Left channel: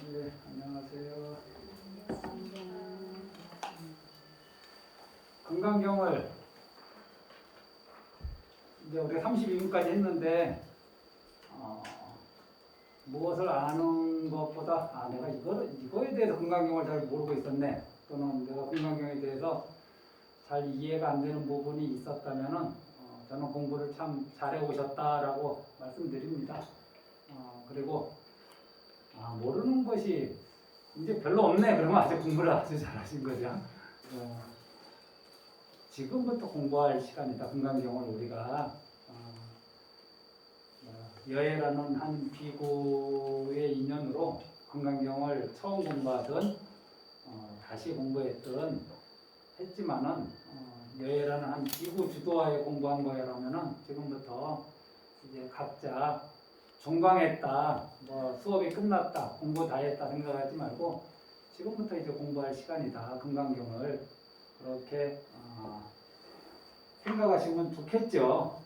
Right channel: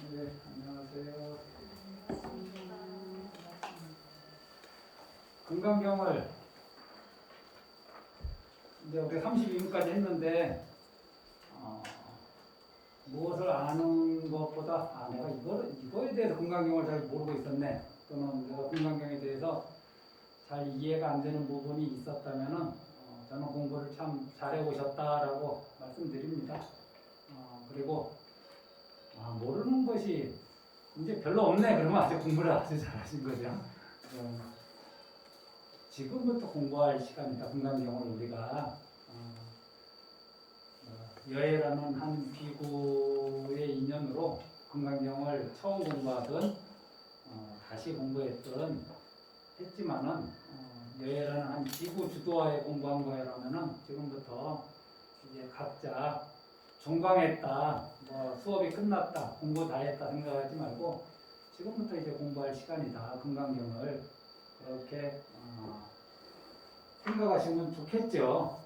네, 안녕하세요. 건강경을 이제 우리 32분까지 했는데 무엇을 아는 것보다 내가 이거에 대해서 건강경을 잘 모르고 있었네, 또는 내가 건강경에 대해서 잘 이해가 안 되는 부분이 있었다면은 저는 공부를 참 잘해 오셨다라고 말씀드립니다. 그리고 모르는 것이 이제 별로 없네 그러면 아주 공부를 아주 잘하신 거죠. 지금부터 공부할 시간이다. 건강경을 우리가 여해라는 한 기구의 인연으로 건강경을 처음 공부하던 다시 공부했던 했지만은 여해라는 한 기구 주도하에 공부한 거라면은 지금부터 이제 각자 종강했다, 수업이 끝났다, 공부 다 했다 생각하지 말고 지금부터 이제 공부할 시간이다. 건강경을 그렇게 생각하시면 좋겠죠.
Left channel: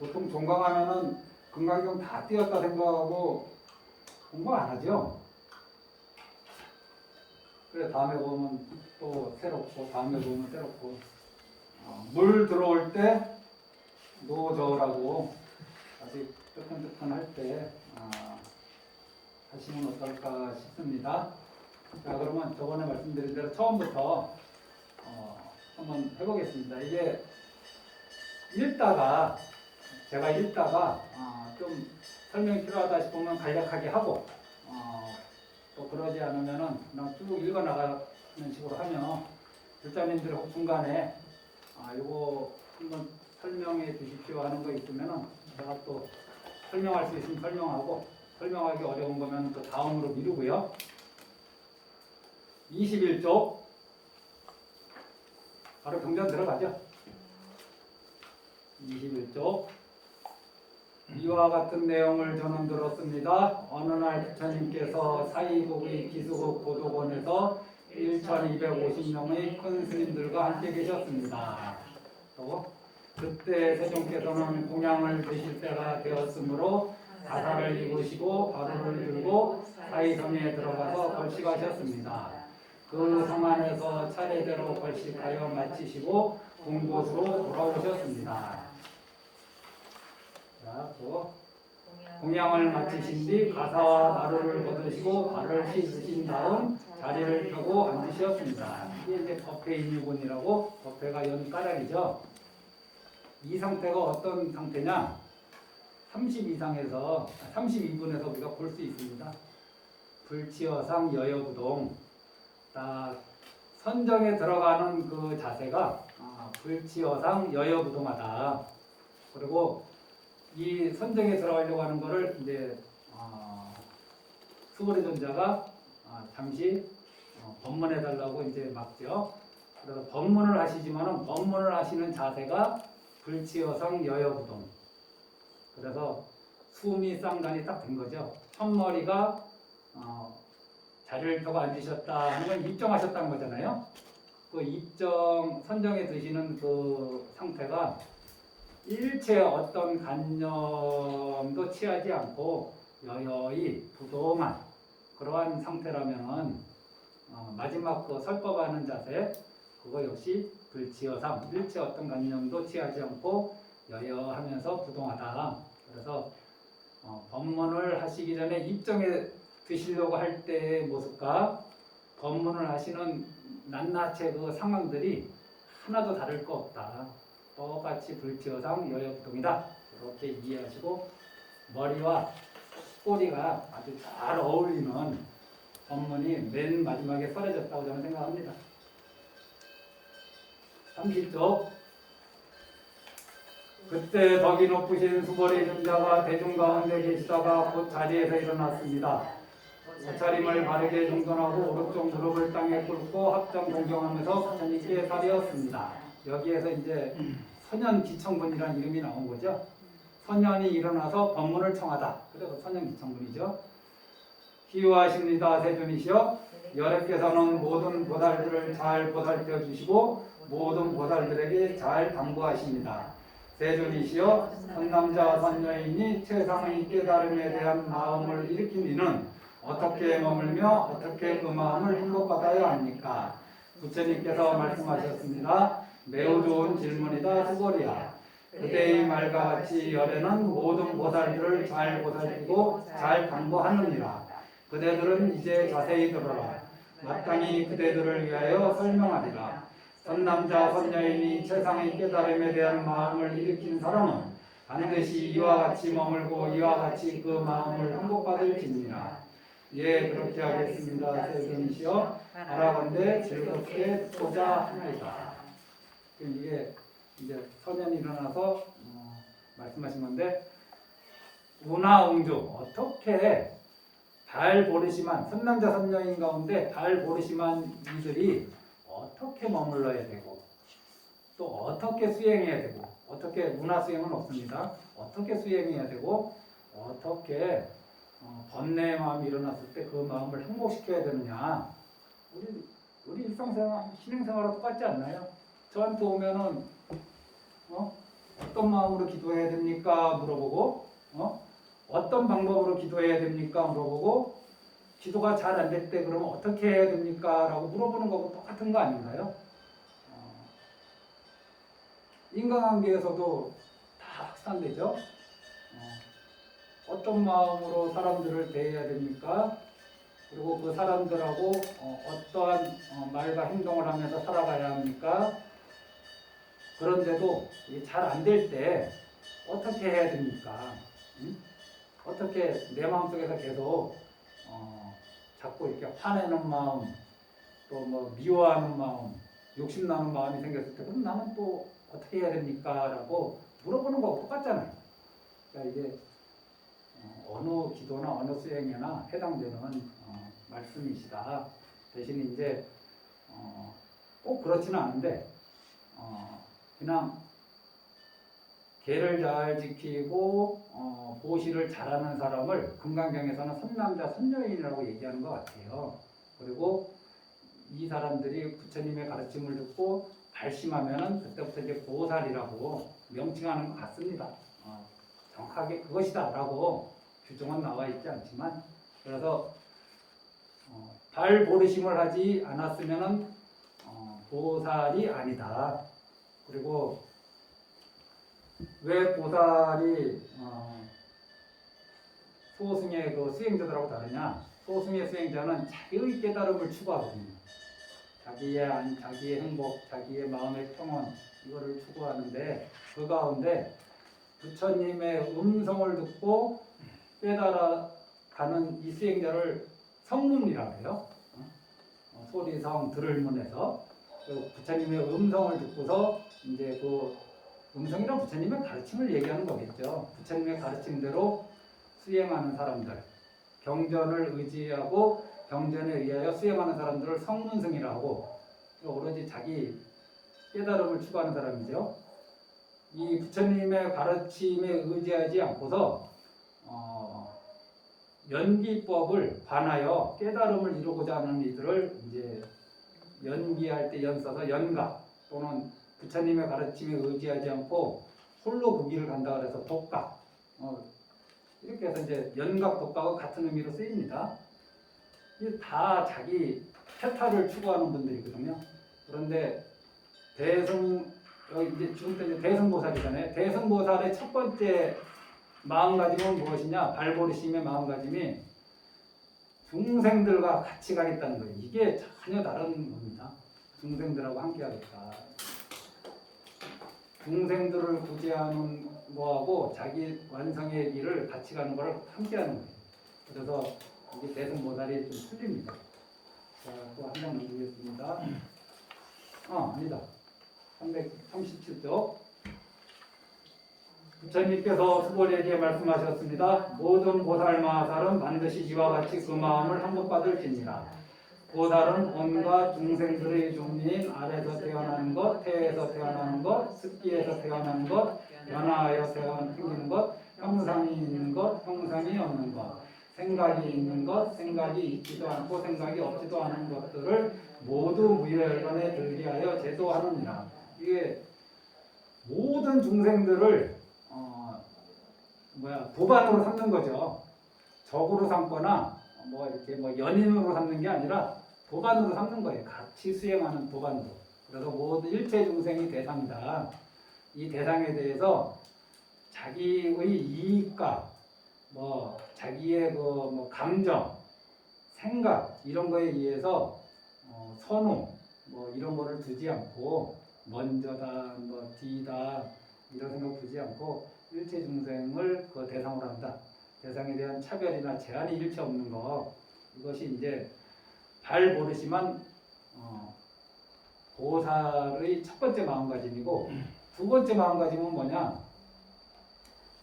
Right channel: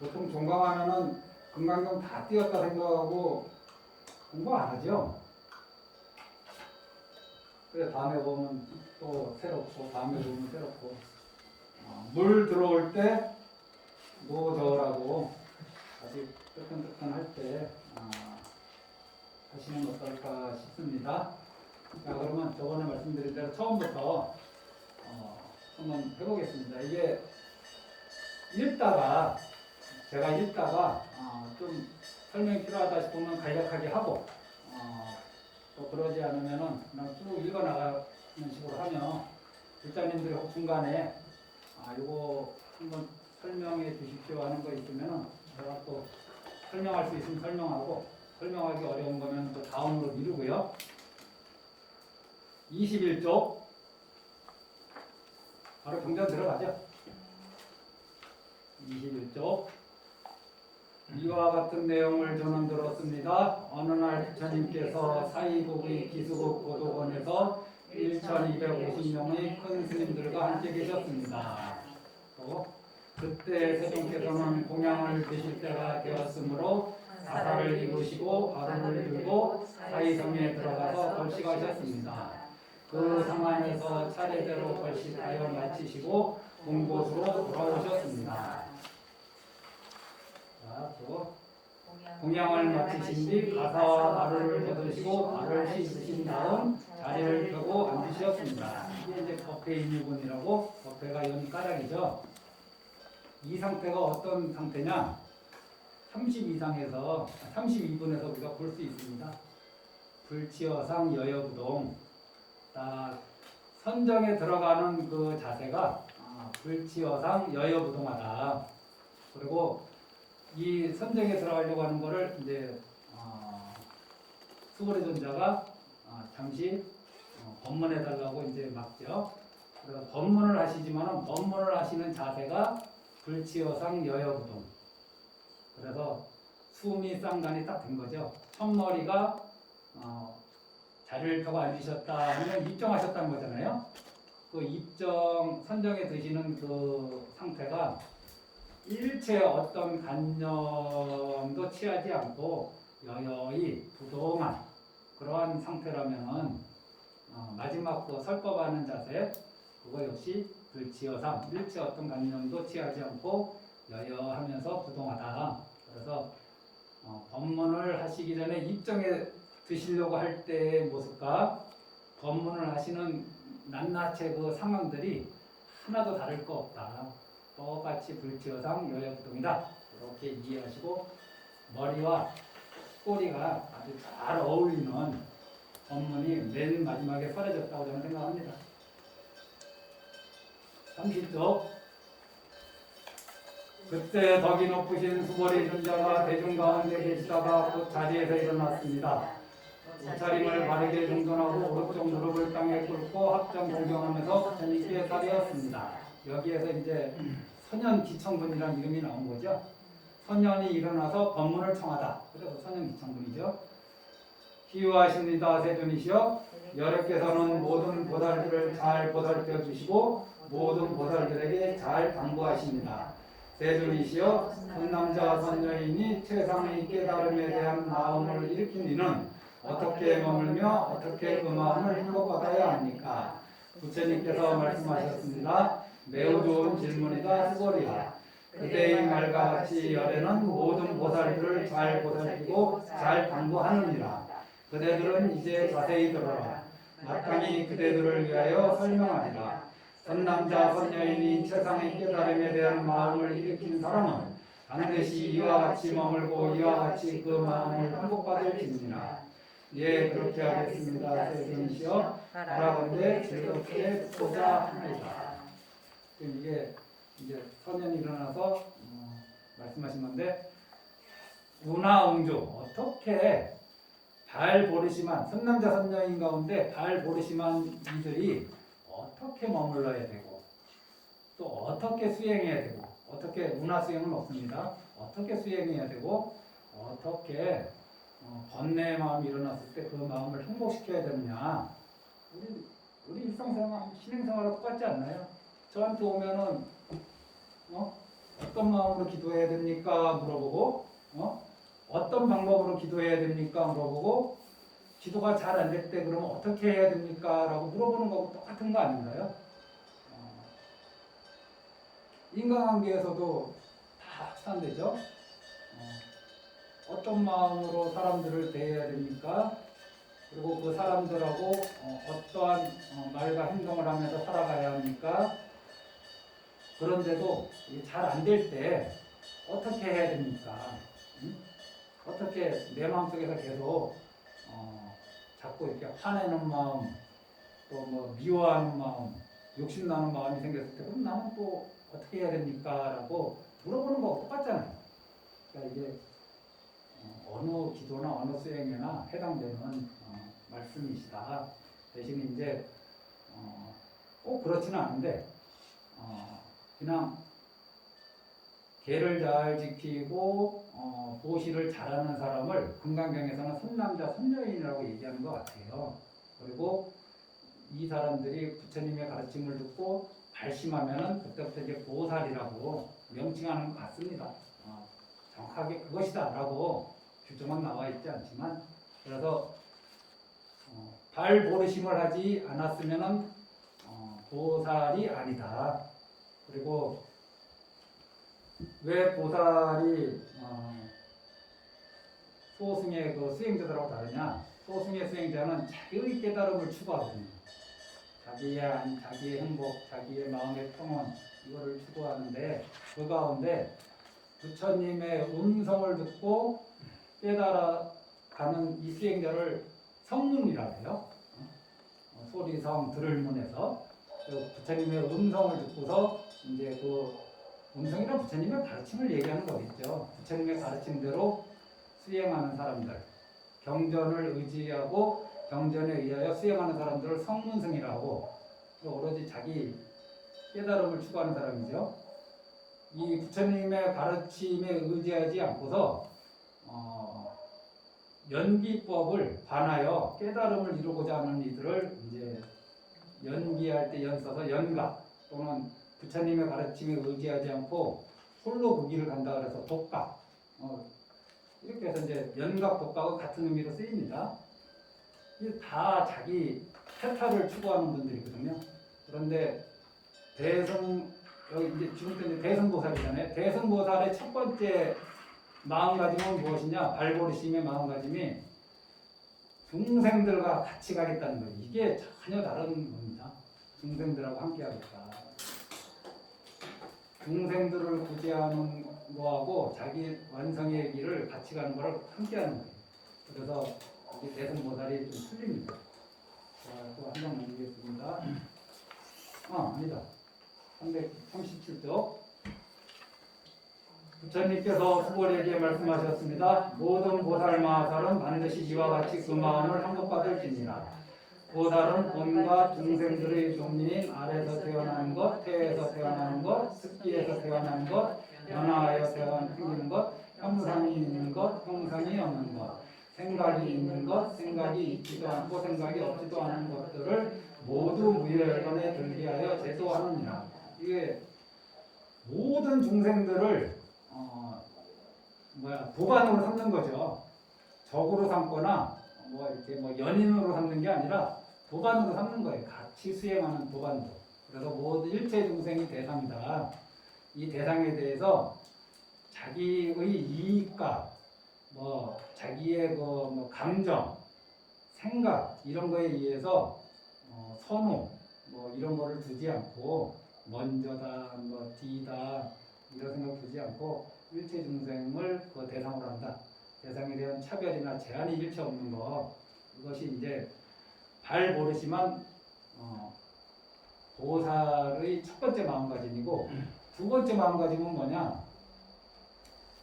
보통 종강하면은 건강경 다 띄었다 생각하고 공부 안 하죠. 그래 다음에 보면 또 새롭고 다음에 보면 새롭고 물 들어올 때 노저라고 아주 뜨끈뜨끈할 때 하시는 것 어떨까 싶습니다. 자, 그러면 저번에 말씀드린 대로 처음부터 한번 해보겠습니다. 이게 제가 읽다가 좀 설명이 필요하다 싶으면 간략하게 하고 또 그러지 않으면은 그냥 쭉 읽어 나가는 식으로 하면 불자님들이 혹 중간에 이거 한번 설명해 주십시오 하는 거 있으면은 제가 또 설명할 수 있으면 설명하고 설명하기 어려운 거면 또 다음으로 미루고요. 21쪽 바로 경전 들어가죠. 21쪽 이와 같은 내용을 저는 들었습니다. 어느 날 부처님께서 사이국의 기수국 고도원에서 1250명의 큰 스님들과 함께 계셨습니다. 또 그때 세종께서는 공양을 드실 때가 되었으므로 가사를 입으시고 가루를 들고 사이성에 들어가서 걸식하셨습니다. 그 상안에서 차례대로 걸식하여 마치시고 본곳으로 돌아오셨습니다. 자, 또 공양을 마치신 뒤 가사와 가루를 걷으시고 발을 씻으신 다음 자리를 펴고 앉으셨습니다. 이게 이제 법회인유군이라고, 법회가 여기 까닭이죠. 이 상태가 어떤 상태냐? 32분에서 우리가 볼 수 있습니다. 불치어상 여여부동. 딱 선정에 들어가는 그 자세가 불치어상 여여부동하다. 그리고 이 선정에 들어가려고 하는 거를 이제 수고의 존자가 잠시 법문해 달라고 이제 막죠. 그래서 법문을 하시지만은 법문을 하시는 자세가 불치어상 여여부동. 그래서 숨이 쌍간이 딱 된 거죠. 첫머리가 자리를 펴고 앉으셨다 하는 걸 입정하셨다는 거잖아요. 그 입정 선정에 드시는 그 상태가 일체 어떤 간념도 취하지 않고 여여히 부동한 그러한 상태라면은 마지막 그 설법하는 자세 그거 역시 불치어상 일체 어떤 간념도 취하지 않고 여여하면서 부동하다. 그래서 법문을 하시기 전에 입정에 드시려고 할 때의 모습과 법문을 하시는 낱낱의 그 상황들이 하나도 다를 거 없다. 똑같이 불치어상 여여부동이다. 이렇게 이해하시고 머리와 꼬리가 아주 잘 어울리는 법문이 맨 마지막에 설해졌다고 저는 생각합니다. 30쪽 그때 덕이 높으신 수고리 존자가 대중 가운데 계시다가 곧 자리에서 일어났습니다. 옷차림을 바르게 정돈하고 오른쪽 무릎을 땅에 꿇고 합정 공경하면서 부처님께 사배었습니다. 여기에서 이제 선현지청분이라는 이름이 나온 거죠. 선현이 일어나서 법문을 청하다. 그래서 선현지청분이죠. 희유하십니다. 세존이시여 여러께서는 모든 보살들을 잘 보살펴 주시고 모든 보살들에게 잘 당부하십니다. 세존이시여 선남자 선녀인이 최상의 깨달음에 대한 마음을 일으킨 이는 어떻게 머물며 어떻게 그 마음을 행복받아야 합니까? 부처님께서 말씀하셨습니다. 매우 좋은 질문이다 수고리야. 그대의 말과 같이 열애는 모든 보살들을 잘 보살피고 잘 당부하느니라. 그대들은 이제 자세히 들어라. 마땅히 그대들을 위하여 설명하리라. 선남자 선여인이 최상의 깨달음에 대한 마음을 일으킨 사람은 반드시 이와 같이 머물고 이와 같이 그 마음을 행복받을지니라. 예, 그렇게 하겠습니다. 세금이시여 바라건대 즐겁게 듣고자 합니다. 이게 이제 선연이 일어나서 말씀하신 건데, 운하웅주 어떻게 달 보르심한 선남자 선녀인 가운데 달 보르심한 이들이 어떻게 머물러야 되고 또 어떻게 수행해야 되고, 어떻게 문화 수행은 없습니다. 어떻게 수행해야 되고 어떻게 번뇌의 마음이 일어났을 때 그 마음을 행복시켜야 되느냐. 우리 일상생활, 신앙생활하고 똑같지 않나요? 저한테 오면은 어떤 마음으로 기도해야 됩니까? 물어보고 어떤 방법으로 기도해야 됩니까? 물어보고 기도가 잘 안 될 때 그러면 어떻게 해야 됩니까? 라고 물어보는 거하고 똑같은 거 아닌가요? 인간관계에서도 다 합산되죠. 어떤 마음으로 사람들을 대해야 됩니까? 그리고 그 사람들하고 어떠한 말과 행동을 하면서 살아가야 합니까? 그런데도 잘 안 될 때 어떻게 해야 됩니까? 어떻게 내 마음속에서 계속 자꾸 이렇게 화내는 마음, 또 뭐 미워하는 마음, 욕심나는 마음이 생겼을 때 그럼 나는 또 어떻게 해야 됩니까? 라고 물어보는 거하고 똑같잖아요. 그러니까 이게 어느 기도나 어느 수행에나 해당되는 말씀이시다. 대신 이제 꼭 그렇지는 않은데 그냥 계를 잘 지키고 보시를 잘하는 사람을 금강경에서는 선남자 선녀인이라고 얘기하는 것 같아요. 그리고 이 사람들이 부처님의 가르침을 듣고 발심하면은 그때부터 이제 보살이라고 명칭하는 것 같습니다. 정확하게 그것이다라고 규정은 나와 있지 않지만, 그래서 발 보르심을 하지 않았으면은 보살이 아니다. 그리고 왜 보살이 소승의 그 수행자들하고 다르냐? 소승의 수행자는 자기의 깨달음을 추구하거든요. 자기의 행복, 자기의 마음의 평온, 이거를 추구하는데, 그 가운데 부처님의 음성을 듣고 깨달아가는 이 수행자를 성문이라고 해요. 소리성 들을문에서 부처님의 음성을 듣고서 이제 그 음성이란 부처님의 가르침을 얘기하는 거겠죠. 부처님의 가르침대로 수행하는 사람들, 경전을 의지하고 경전에 의하여 수행하는 사람들을 성문승이라고, 오로지 자기 깨달음을 추구하는 사람이죠. 이 부처님의 가르침에 의지하지 않고서 연기법을 관하여 깨달음을 이루고자 하는 이들을 이제 연기할 때 연 써서 연각, 또는 부처님의 가르침에 의지하지 않고 홀로 그 길을 간다 그래서 독각, 이렇게 해서 이제 연각, 독각은 같은 의미로 쓰입니다. 이게 다 자기 태타를 추구하는 분들이거든요. 그런데 여기 이제 지금 이제 대승보살이잖아요. 대승보살의 첫 번째 마음가짐은 무엇이냐? 발보르심의 마음가짐이 중생들과 같이 가겠다는 거예요. 이게 전혀 다른 겁니다. 중생들하고 함께 하겠다. 중생들을 구제하는 거하고 자기 완성의 길을 같이 가는 거를 함께 하는 거예요. 그래서 이게 대승보살이 좀 틀립니다. 자, 또 한 장 보겠습니다. 아니다. 337쪽. 부처님께서 수고리에게 말씀하셨습니다. 모든 보살 마하살은 반드시 이와 같이 그 마음을 행복받을지니라. 보살은 온갖 중생들의 종류인 아래서 태어나는 것, 태에서 태어나는 것, 습기에서 태어나는 것, 연하여 생기는 것, 형상이 있는 것, 형상이 없는 것, 생각이 있는 것, 생각이 있지도 않고 생각이 없지도 않은 것들을 모두 무열건에 들게하여 제도하느니라. 이게 모든 중생들을 도반으로 삼는 거죠. 적으로 삼거나 뭐 이렇게 뭐 연인으로 삼는 게 아니라 도반으로 삼는 거예요. 같이 수행하는 도반으로. 그래서 모든 일체 중생이 대상이다. 이 대상에 대해서 자기의 이익과 뭐 자기의 그 뭐 감정, 생각 이런 거에 의해서 선호 뭐 이런 거를 두지 않고 먼저다 뭐 뒤다 이런 생각 두지 않고 일체 중생을 그 대상으로 한다. 대상에 대한 차별이나 제한이 일체 없는 거 이것이 이제 발버릇이만 보살의 첫 번째 마음가짐이고 두 번째 마음가짐은 뭐냐?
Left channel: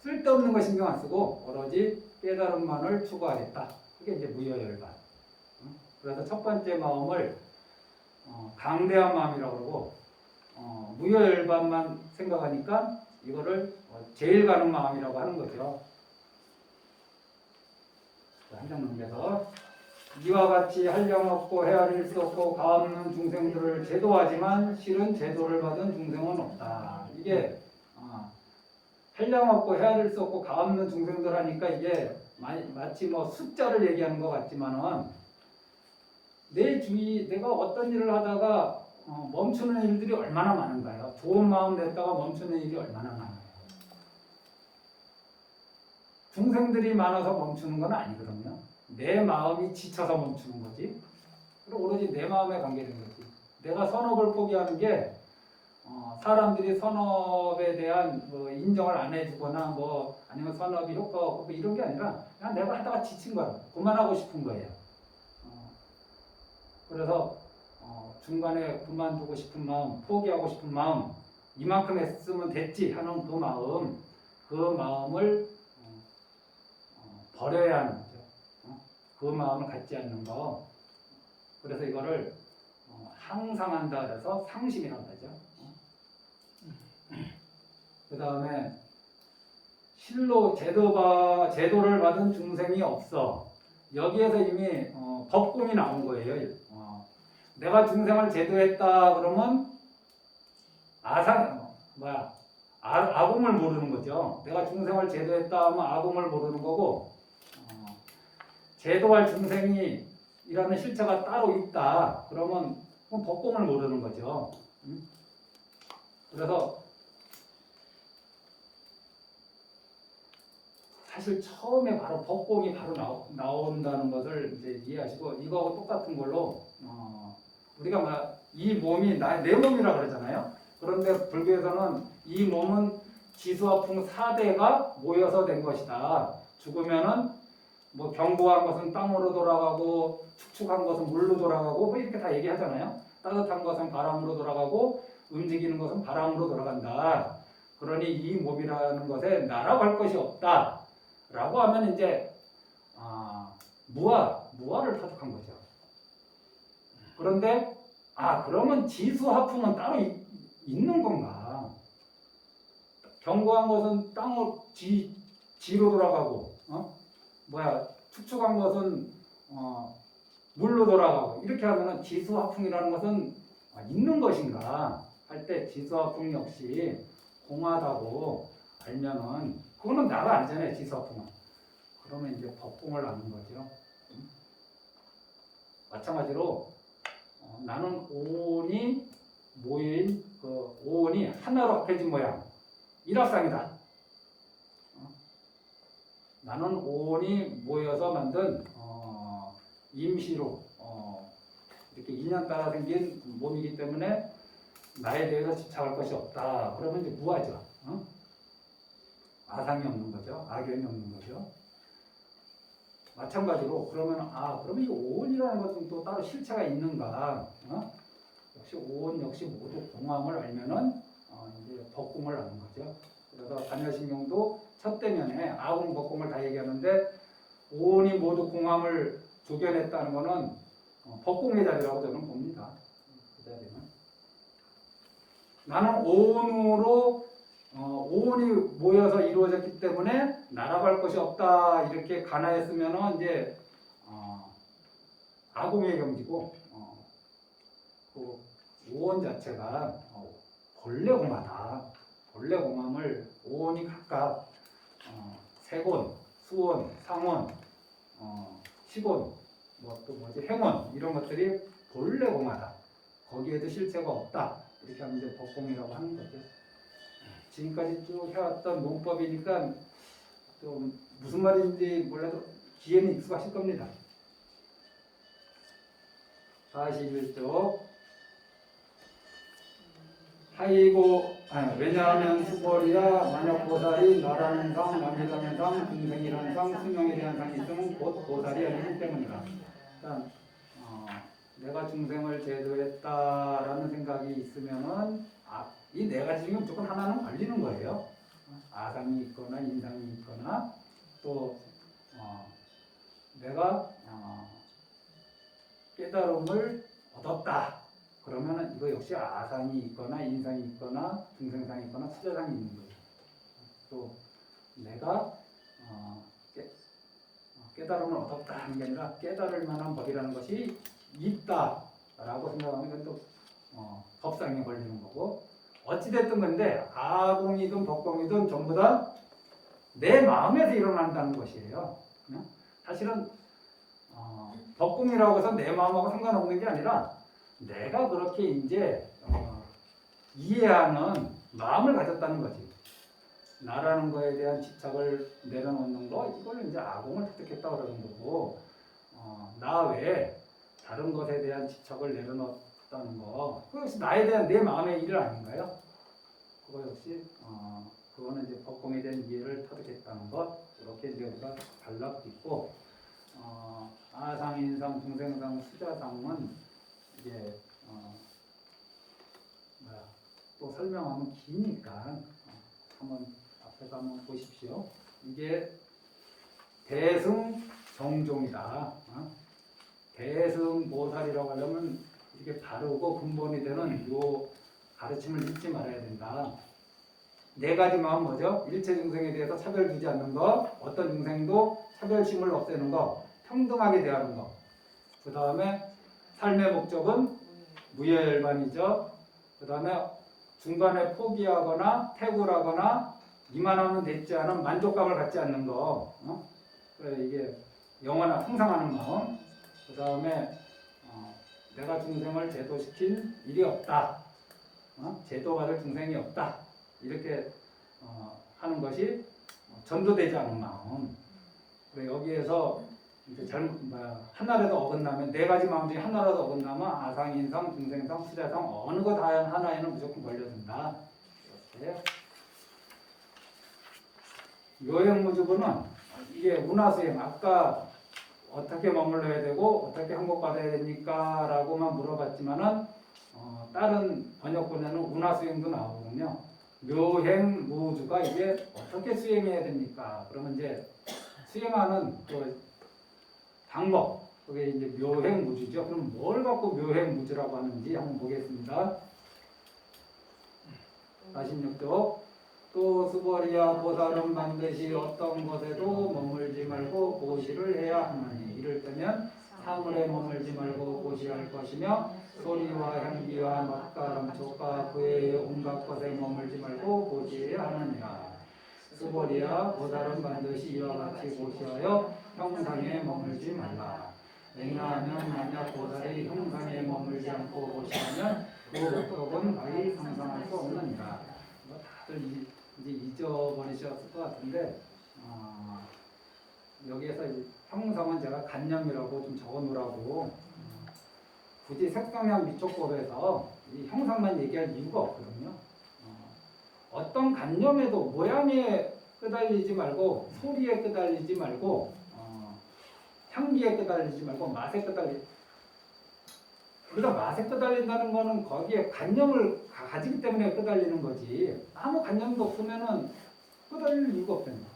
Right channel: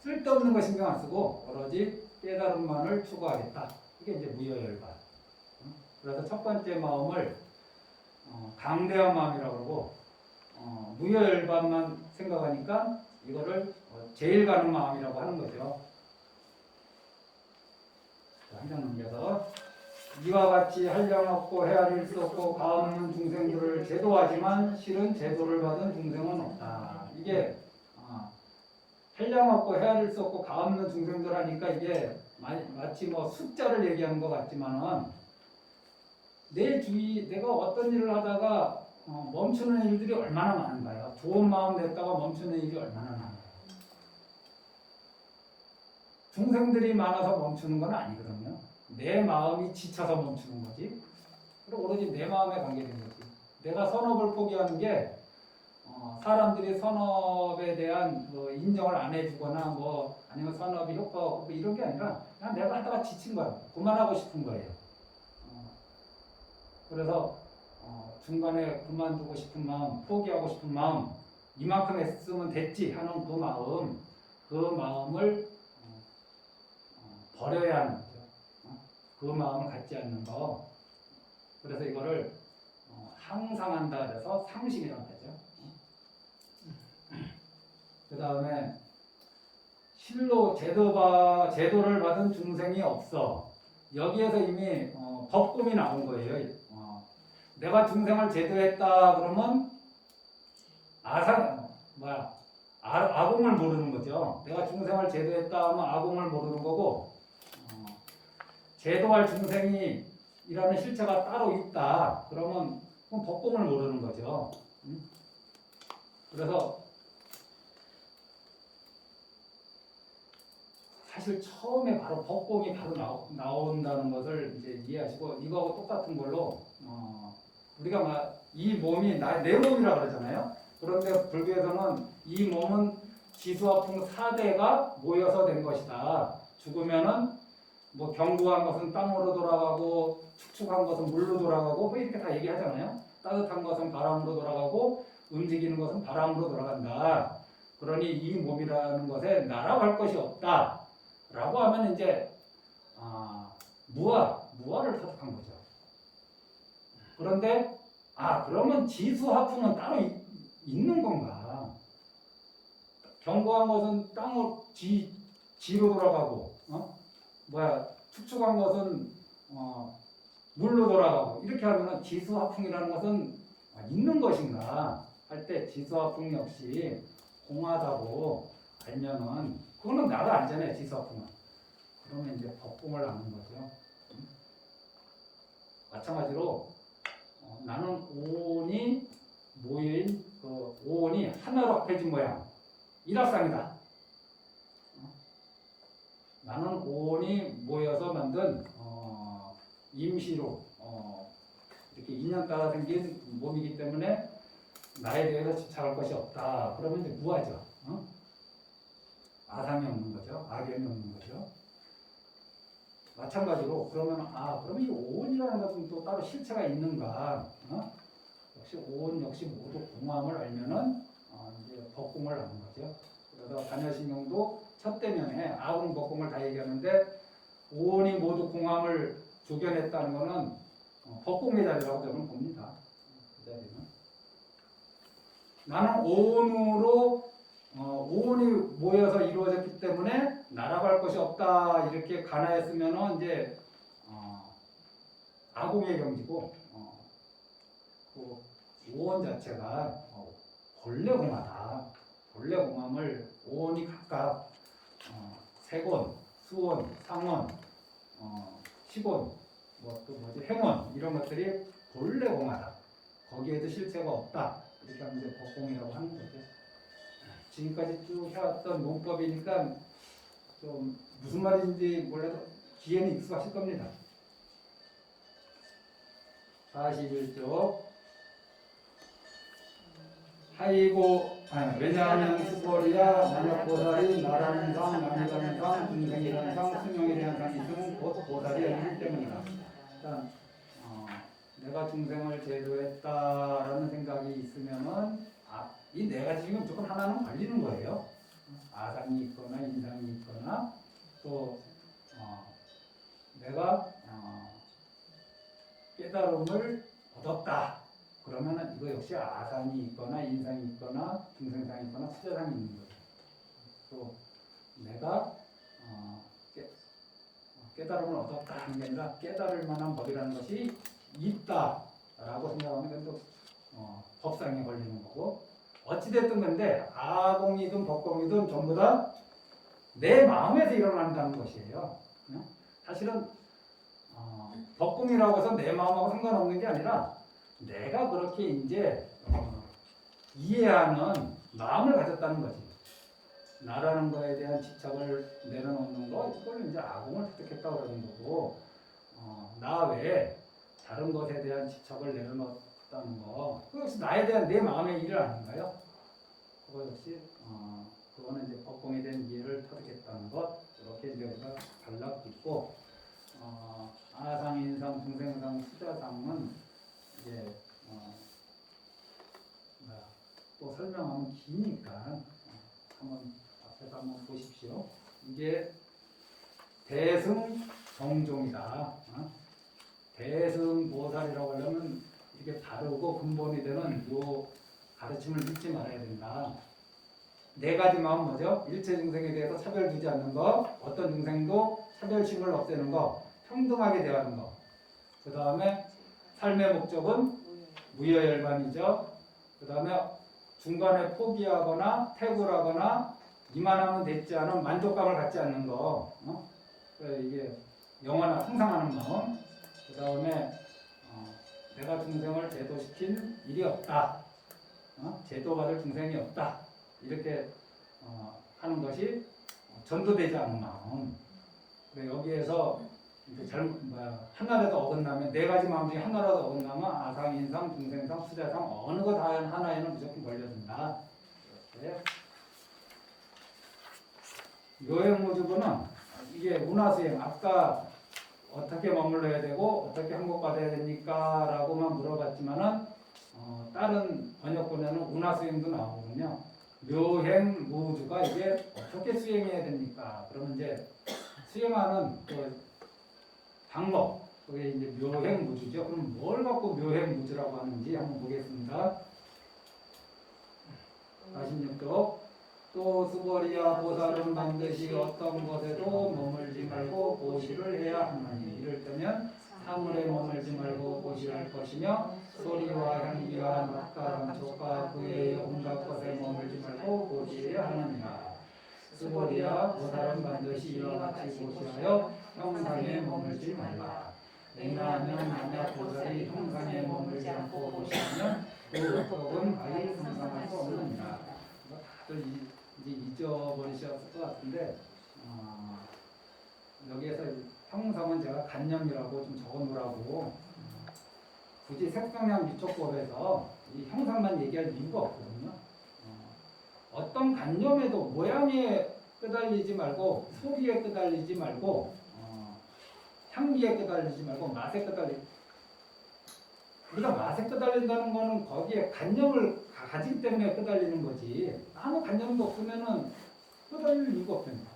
쓸데없는 거 신경 안 쓰고 오로지 깨달음만을 추구하겠다. 그게 이제 무여열반. 그래서 첫 번째 마음을 강대한 마음이라고 그러고 무여열반만 생각하니까 이거를 제일 가는 마음이라고 하는 거죠. 한 장 넘겨서 이와 같이 한량없고 헤아릴 수 없고 가없는 중생들을 제도하지만 실은 제도를 받은 중생은 없다. 이게 한량없고 헤아릴 수 없고 가없는 중생들 하니까 이게 마치 뭐 숫자를 얘기하는 것 같지만은 내 주위 내가 어떤 일을 하다가 멈추는 일들이 얼마나 많은가요? 좋은 마음 냈다가 멈추는 일이 얼마나 많아요? 중생들이 많아서 멈추는 건 아니거든요. 내 마음이 지쳐서 멈추는 거지. 그리고 오로지 내 마음에 관계된 거지. 내가 선업을 포기하는 게 사람들이 선업에 대한 뭐 인정을 안 해주거나 뭐 아니면 선업이 효과가 없고 이런 게 아니라 그냥 내가 하다가 지친 거야. 그만하고 싶은 거예요. 그래서 중간에 그만두고 싶은 마음, 포기하고 싶은 마음, 이만큼 했으면 됐지 하는 그 마음을 버려야 하는 거죠. 그 마음을 갖지 않는 거. 그래서 이거를 항상 한다 그래서 상심이라고 하죠. 그 다음에 실로 제도를 받은 중생이 없어. 여기에서 이미 법공이 나온 거예요. 내가 중생을 제도했다 그러면 아공을 모르는 거죠. 내가 중생을 제도했다 하면 아공을 모르는 거고 제도할 중생이라는 실체가 따로 있다. 그러면 법공을 모르는 거죠. 그래서 사실 처음에 바로 법공이 바로 나온다는 것을 이제 이해하시고 이거 똑같은 걸로 우리가 이 몸이 내 몸이라고 그러잖아요. 그런데 불교에서는 이 몸은 지수화풍 4대가 모여서 된 것이다. 죽으면은 뭐 견고한 것은 땅으로 돌아가고 축축한 것은 물로 돌아가고 뭐 이렇게 다 얘기하잖아요. 따뜻한 것은 바람으로 돌아가고 움직이는 것은 바람으로 돌아간다. 그러니 이 몸이라는 것에 나라고 할 것이 없다. 라고 하면 이제 무아를 터득한 거죠. 그런데 그러면 지수화풍은 따로 있는 건가? 견고한 것은 땅으로 지로 돌아가고 축축한 것은 물로 돌아가고 이렇게 하면은 지수화풍이라는 것은 있는 것인가 할 때 지수화풍 역시 공하다고 알면은 그거는 나가 아니잖아요. 지수화풍은. 그러면 이제 법공을 아는 거죠. 마찬가지로 나는 오온이 모인 그 오온이 하나로 합해진 모양 일합상이다. 나는 오온이 모여서 만든 임시로 이렇게 인연 따라 생긴 몸이기 때문에 나에 대해서 집착할 것이 없다. 그러면 이제 무아죠. 아상이 없는 거죠. 악연이 없는 거죠. 마찬가지로 그러면 이 오온이라는 것은 또 따로 실체가 있는가? 역시 오온 역시 모두 공함을 알면은 이제 법공을 아는 거죠. 그래서 반야신경도 첫 대면에 아공 법공을 다 얘기하는데 오온이 모두 공함을 조견했다는 것은 법공의 자리라고 저는 봅니다. 그 자리는 나는 오온이 모여서 이루어졌기 때문에 나라고 할 것이 없다 이렇게 간화했으면은 이제 아공의 경지고 그 오온 자체가 본래 공하다. 본래 공함을 오온이 각각 세곤, 수온, 상온, 치곤, 뭐 또 뭐지 행원 이런 것들이 본래 공하다. 거기에도 실체가 없다. 이렇게 하면 이제 법공이라고 하는 거죠. 지금까지 쭉 해왔던 논법이니까 좀 무슨 말인지 몰라도 뒤에는 익숙하실 겁니다. 41쪽. 왜냐하면 수벌이야 만약 보살이 나라는 상, 남이라는 상, 중생이라는 상, 수명이라는 상이 있으면 곧 보살이 아니기 때문이다. 일단 내가 중생을 제도했다라는 생각이 있으면은 이 네 가지 중에 무조건 하나는 걸리는 거예요. 아상이 있거나 인상이 있거나 또 내가 깨달음을 얻었다. 그러면은 이거 역시 아상이 있거나 인상이 있거나 중생상이 있거나 수자상이 있는 거예요. 또 내가 깨달음을 얻었다 하는 게 아니라 깨달을 만한 법이라는 것이 있다라고 생각하면 그건 또 법상에 걸리는 거고 어찌됐든 근데 아공이든 법공이든 전부 다 내 마음에서 일어난다는 것이에요. 사실은 법공이라고 해서 내 마음하고 상관없는 게 아니라 내가 그렇게 이제 이해하는 마음을 가졌다는 거지. 나라는 거에 대한 집착을 내려놓는 거 이거는 이제 아공을 획득했다 그러는 거고 나 외에 다른 것에 대한 집착을 내려놓았다는 거 그거 역시 나에 대한 내 마음의 일 아닌가요? 그거 역시 그거는 이제 법공에 대한 이해를 터득했다는 것 이렇게 이제 우리가 달라붙고 아상, 인상, 중생상, 수자상은 이제 또 설명하면 기니까 한번 앞에서 한번 보십시오. 이게 대승정종이다. 대승보살이라고 하려면 이렇게 다르고 근본이 되는 요 가르침을 잊지 말아야 된다. 네 가지만 뭐죠? 일체 중생에 대해서 차별 두지 않는 것, 어떤 중생도 차별심을 없애는 것, 평등하게 대하는 것. 그 다음에 삶의 목적은 무여열반이죠. 그 다음에 중간에 포기하거나 태굴하거나 이만하면 됐지 않은 만족감을 갖지 않는 거. 이게 영원한 항상 하는 마음. 그 다음에 내가 중생을 제도시킨 일이 없다. 제도받을 중생이 없다. 이렇게 하는 것이 전도되지 않은 마음. 여기에서 하나라도 어긋나면 네 가지 마음 중에 하나라도 어긋나면 아상, 인상, 중생상, 수자상 어느 것 하나에는 무조건 걸려든다. 이렇게 요행무주분은 이게 운하수행 아까 어떻게 머물러야 되고 어떻게 항복받아야 됩니까? 라고만 물어봤지만은 다른 번역본에는 운하수행도 나오거든요. 묘행무주가 이게 어떻게 수행해야 됩니까? 그러면 이제 수행하는 그 방법, 그게 이제 묘행무주죠. 그럼 뭘 갖고 묘행무주라고 하는지 한번 보겠습니다. 46쪽. 또 수벌이야 보살은 반드시 어떤 곳에도 머물지 말고 고시를 해야 하나니 이를 때면 사물에 머물지 말고 고시할 것이며 소리와 향기와 맛과 감촉과 그의 온갖 것에 머물지 말고 고시해야 하느니라. 수벌이야 보살은 반드시 이와 같이 고시하여 형상에 머물지 말라. 왜냐하면 만약 보살이 형상에 머물지 않고 고시하면 그 목적은 가히 상상할 수 없느니라. 다들 이제 잊어버리셨을 것 같은데 여기에서 형상은 제가 간념이라고 좀 적어놓으라고 굳이 색상량 미촉법에서 이 형상만 얘기할 이유가 없거든요. 어떤 간념에도 모양에 끄달리지 말고 소리에 끄달리지 말고 향기에 끄달리지 말고 맛에 우리가 맛에 끄달린다는 거는 거기에 간념을 가지기 때문에 끄달리는 거지 아무 간념도 없으면은 끄달릴 이유가 없습니다.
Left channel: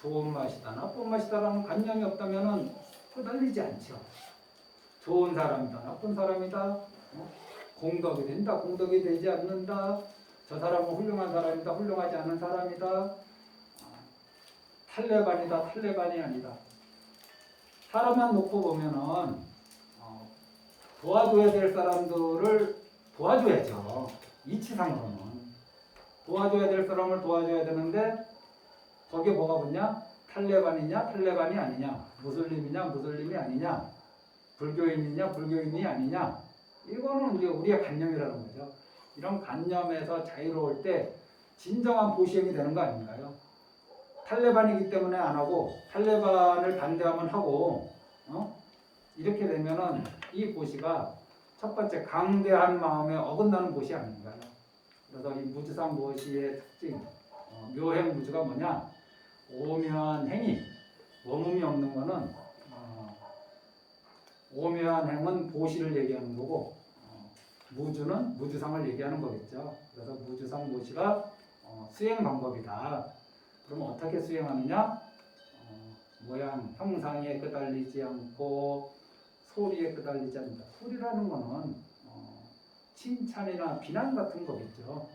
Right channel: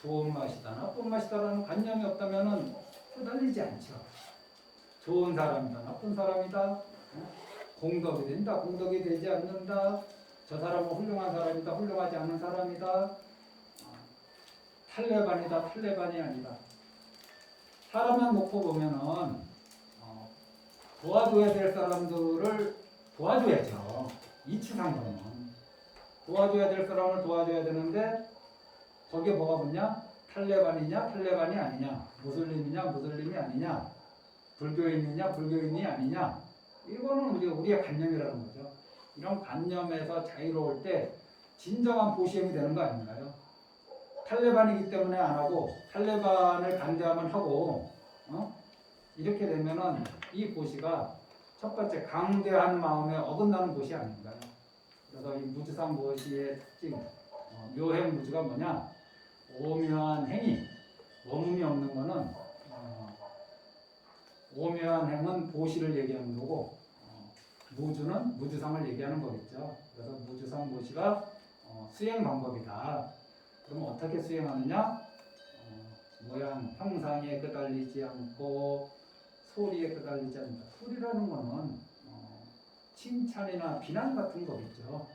좋은 맛이다 나쁜 맛이다라는 간념이 없다면은 끄달리지 않죠. 좋은 사람이다 나쁜 사람이다 공덕이 된다 공덕이 되지 않는다 저 사람은 훌륭한 사람이다 훌륭하지 않은 사람이다 탈레반이다 탈레반이 아니다. 사람만 놓고 보면은 도와줘야 될 사람들을 도와줘야죠. 이치상으로는 도와줘야 될 사람을 도와줘야 되는데 거기에 뭐가 붙냐? 탈레반이냐 탈레반이 아니냐, 무슬림이냐 무슬림이 아니냐, 불교인이냐 불교인이 아니냐, 이거는 이제 우리의 관념이라는 거죠. 이런 관념에서 자유로울 때 진정한 보시행이 되는 거 아닌가요? 탈레반이기 때문에 안 하고 탈레반을 반대하면 하고 이렇게 되면은 이 보시가 첫 번째 강대한 마음에 어긋나는 보시 아닌가요? 그래서 이 무주상 보시의 특징 묘행 무주가 뭐냐? 오묘한 행위, 머금이 없는 거는 오묘한 행은 보시를 얘기하는 거고 무주는 무주상을 얘기하는 거겠죠. 그래서 무주상 보시가 수행 방법이다. 그럼 어떻게 수행하느냐? 모양, 형상에 끄달리지 않고 소리에 끄달리지 않는다. 소리라는 거는 칭찬이나 비난 같은 거겠죠.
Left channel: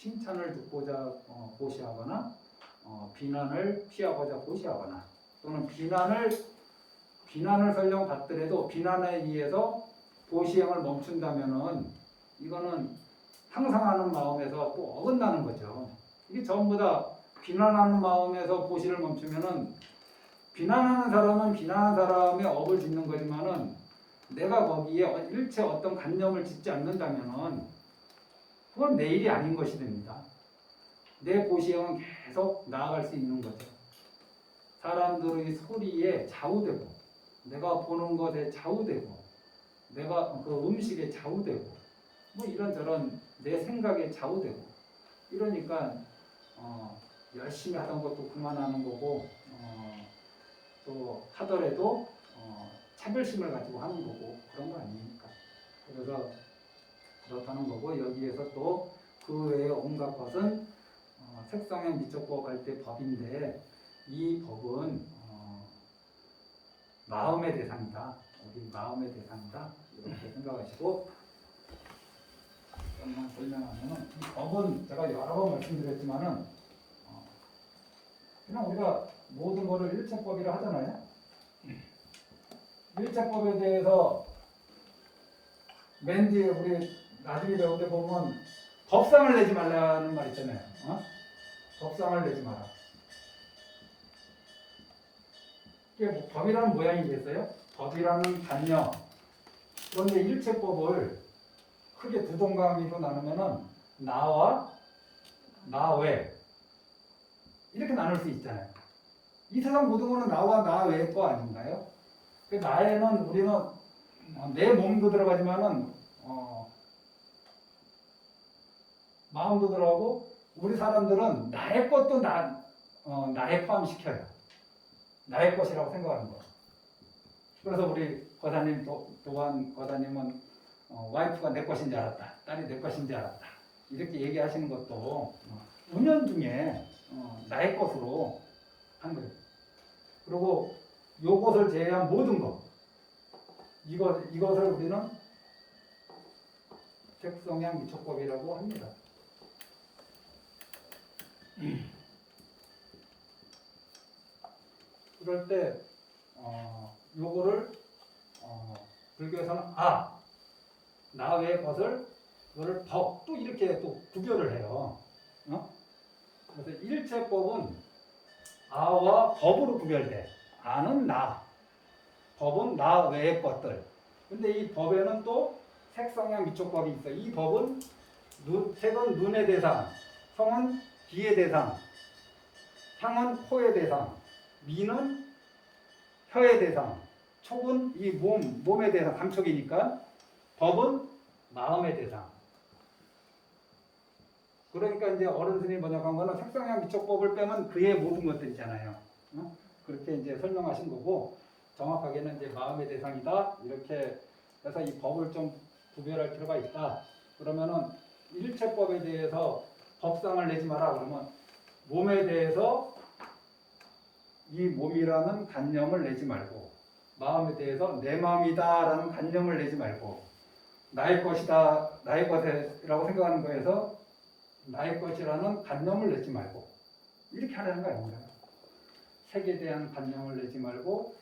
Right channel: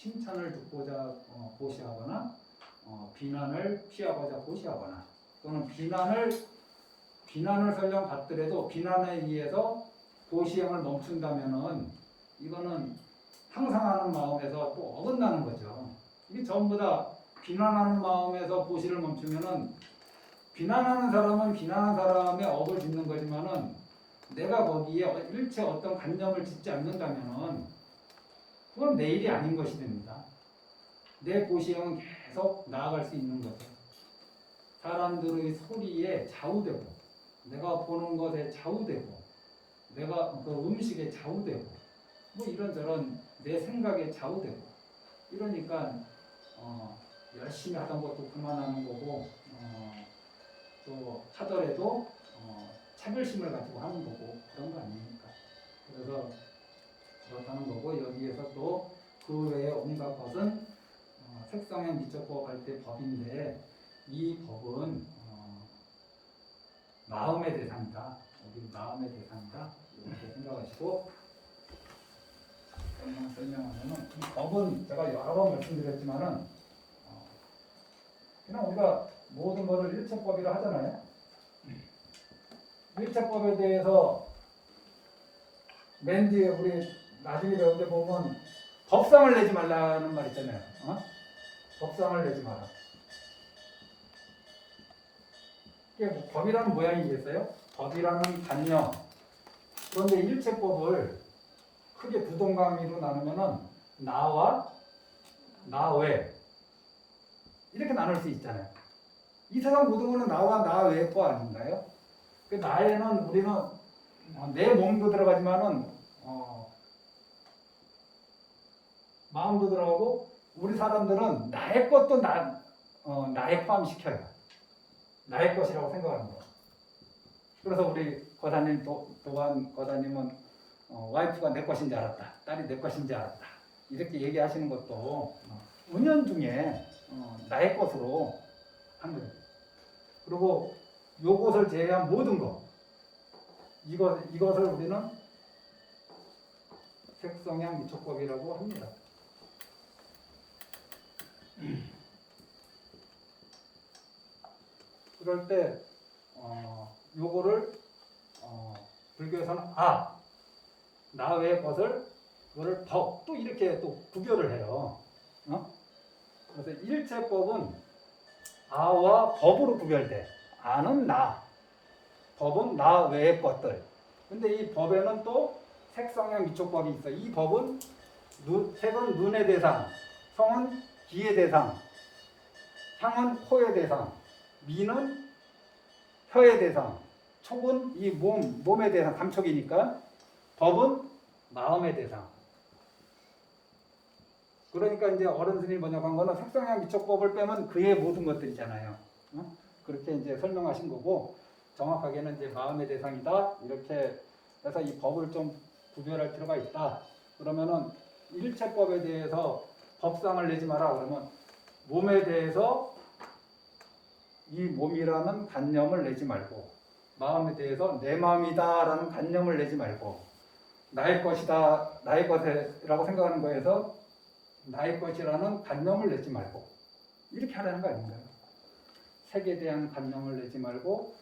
칭찬을 듣고자 보시하거나 비난을 피하고자 보시하거나 또는 비난을 설령 받더라도 비난에 의해서 보시행을 멈춘다면은 이거는 항상 하는 마음에서 또 어긋나는 거죠. 이게 전부 다 비난하는 마음에서 보시를 멈추면은 비난하는 사람은 비난하는 사람의 업을 짓는 거지만은 내가 거기에 일체 어떤 관념을 짓지 않는다면은 그건 내 일이 아닌 것이 됩니다. 내 보시행은 계속 나아갈 수 있는 거죠. 사람들의 소리에 좌우되고 내가 보는 것에 좌우되고 내가 그 음식에 좌우되고 뭐 이런저런 내 생각에 좌우되고 이러니까 열심히 하던 것도 그만하는 거고 또 하더라도 차별심을 가지고 하는 거고 그런 거 아닙니까? 그래서 그렇다는 거고 여기에서 또 그 외에 온갖 것은 색상의 미적법 할 때 법인데 이 법은 마음의 대상이다. 우리 마음의 대상이다. 이렇게 생각하시고 조금만 설명하면은 이 법은 제가 여러 번 말씀드렸지만은 그냥 우리가 모든 것을 일체법이라 하잖아요. 일체법에 대해서 맨 뒤에 우리 나중에 배울 때 보면 법상을 내지 말라는 말 있잖아요. 법상을 내지 마라. 이게 뭐 법이라는 모양이겠어요? 법이라는 단위요. 그런데 일체법을 크게 두 동강이로 나누면은 나와 나 외 이렇게 나눌 수 있잖아요. 이 세상 모든 거는 나와 나 외의 거 아닌가요? 그 나에는 우리는 내 몸도 들어가지만은 마음도 들어가고 우리 사람들은 나의 것도 나에 포함시켜요. 나의 것이라고 생각하는 거예요. 그래서 우리 거사님 도관 거사님은 와이프가 내 것인 줄 알았다. 딸이 내 것인 줄 알았다. 이렇게 얘기하시는 것도 은연중에 나의 것으로 한 거예요. 그리고 요것을 제외한 모든 것 이것을 우리는 색성향 미촉법이라고 합니다. 그럴 때 요거를 불교에서는 나 외의 것을 그거를 또 이렇게 또 구별을 해요. 그래서 일체법은 아와 법으로 구별돼. 아는 나, 법은 나 외의 것들. 근데 이 법에는 또 색성향 미촉법이 있어. 이 법은 색은 눈의 대상, 성은 귀의 대상, 향은 코의 대상, 미는 혀의 대상, 촉은 이 몸의 대상, 감촉이니까 법은 마음의 대상. 그러니까 이제 어른들이 번역한 거는 색성향 미촉법을 빼면 그의 모든 것들이잖아요. 그렇게 이제 설명하신 거고 정확하게는 이제 마음의 대상이다. 이렇게 해서 이 법을 좀 구별할 필요가 있다. 그러면은 일체법에 대해서 법상을 내지 마라. 그러면 몸에 대해서 이 몸이라는 관념을 내지 말고 마음에 대해서 내 마음이다라는 관념을 내지 말고 나의 것이다, 나의 것이라고 생각하는 거에서 나의 것이라는 관념을 내지 말고 이렇게 하라는 거 아닌가요? 색에 대한 관념을 내지 말고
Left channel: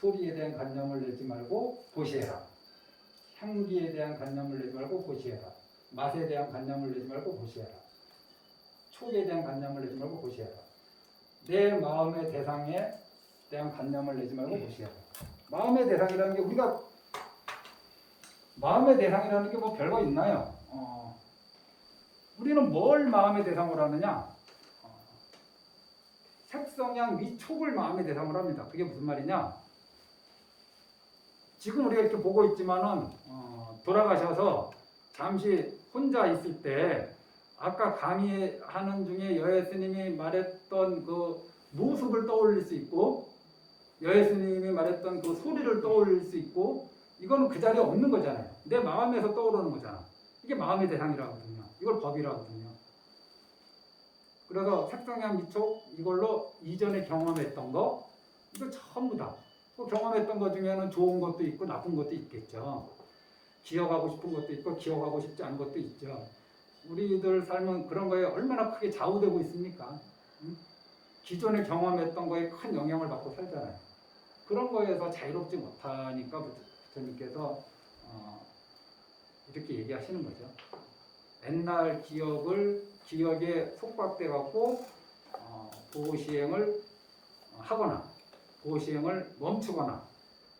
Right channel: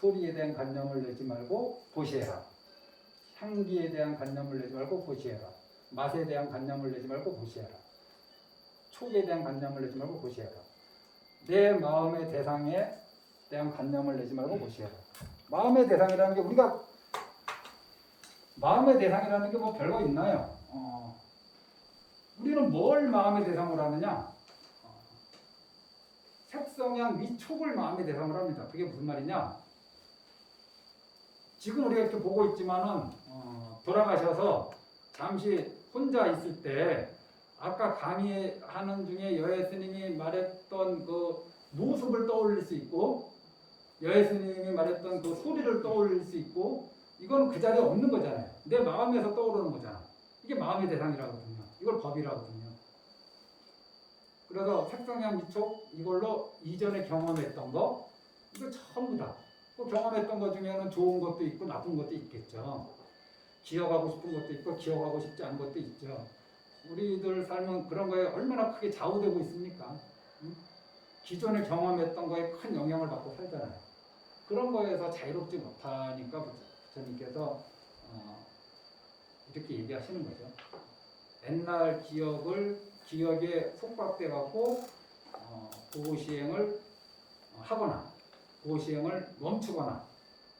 소리에 대한 관념을 내지 말고 보시해라. 향기에 대한 관념을 내지 말고 보시해라. 맛에 대한 관념을 내지 말고 보시해라. 촉에 대한 관념을 내지 말고 보시해라. 내 마음의 대상에 대한 관념을 내지 말고 보시라. 마음의 대상이라는 게 우리가 마음의 대상이라는 게 뭐 별거 있나요? 우리는 뭘 마음의 대상으로 하느냐? 색성향 위촉을 마음의 대상으로 합니다. 그게 무슨 말이냐? 지금 우리가 이렇게 보고 있지만은 돌아가셔서 잠시 혼자 있을 때 아까 강의하는 중에 여혜 스님이 말했던 그 모습을 떠올릴 수 있고 여혜 스님이 말했던 그 소리를 떠올릴 수 있고 이건 그 자리에 없는 거잖아요. 내 마음에서 떠오르는 거잖아. 이게 마음의 대상이라거든요. 이걸 법이라거든요. 그래서 색성향 위촉 이걸로 이전에 경험했던 거 이거 전부 다 경험했던 것 중에는 좋은 것도 있고 나쁜 것도 있겠죠. 기억하고 싶은 것도 있고 기억하고 싶지 않은 것도 있죠. 우리들 삶은 그런 거에 얼마나 크게 좌우되고 있습니까? 기존에 경험했던 거에 큰 영향을 받고 살잖아요. 그런 거에서 자유롭지 못하니까 부처님께서 이렇게 얘기하시는 거죠. 옛날 기억에 속박돼 갖고 보호시행을 하거나 보호시행을 멈추거나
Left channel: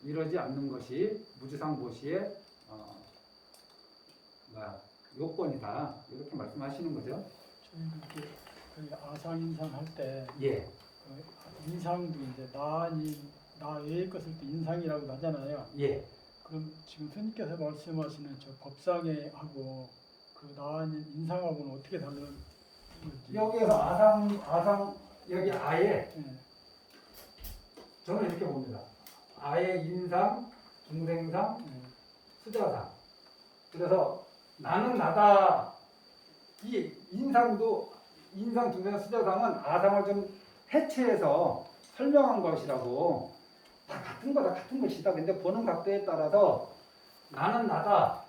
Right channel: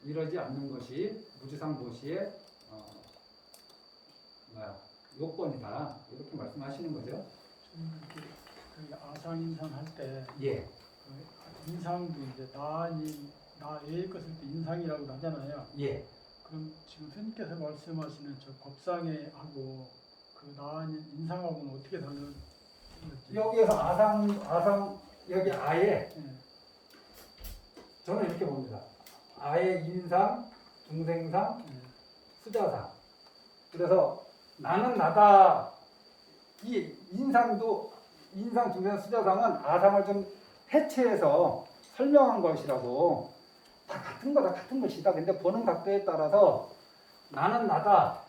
이러지 않는 것이 무주상 보시의 요건이다. 이렇게 말씀하시는 거죠. 저희 아상인상 할 때 예. 인상도 이제 나 외의 것을 또 인상이라고 하잖아요. 예. 그럼 지금 스님께서 말씀하시는 저 법상에 하고 그 나아닌 인상하고는 어떻게 다른 거지? 여기에서 아상 여기 아예 네. 저는 이렇게 봅니다. 아예 인상, 중생상, 네. 수자상. 그래서 나는 나다. 이 인상도 인상, 중생, 수자상은 아상을 좀 해체해서 설명한 것이라고 다 같은 거다 같은 것이다. 근데 보는 각도에 따라서 나는 나다.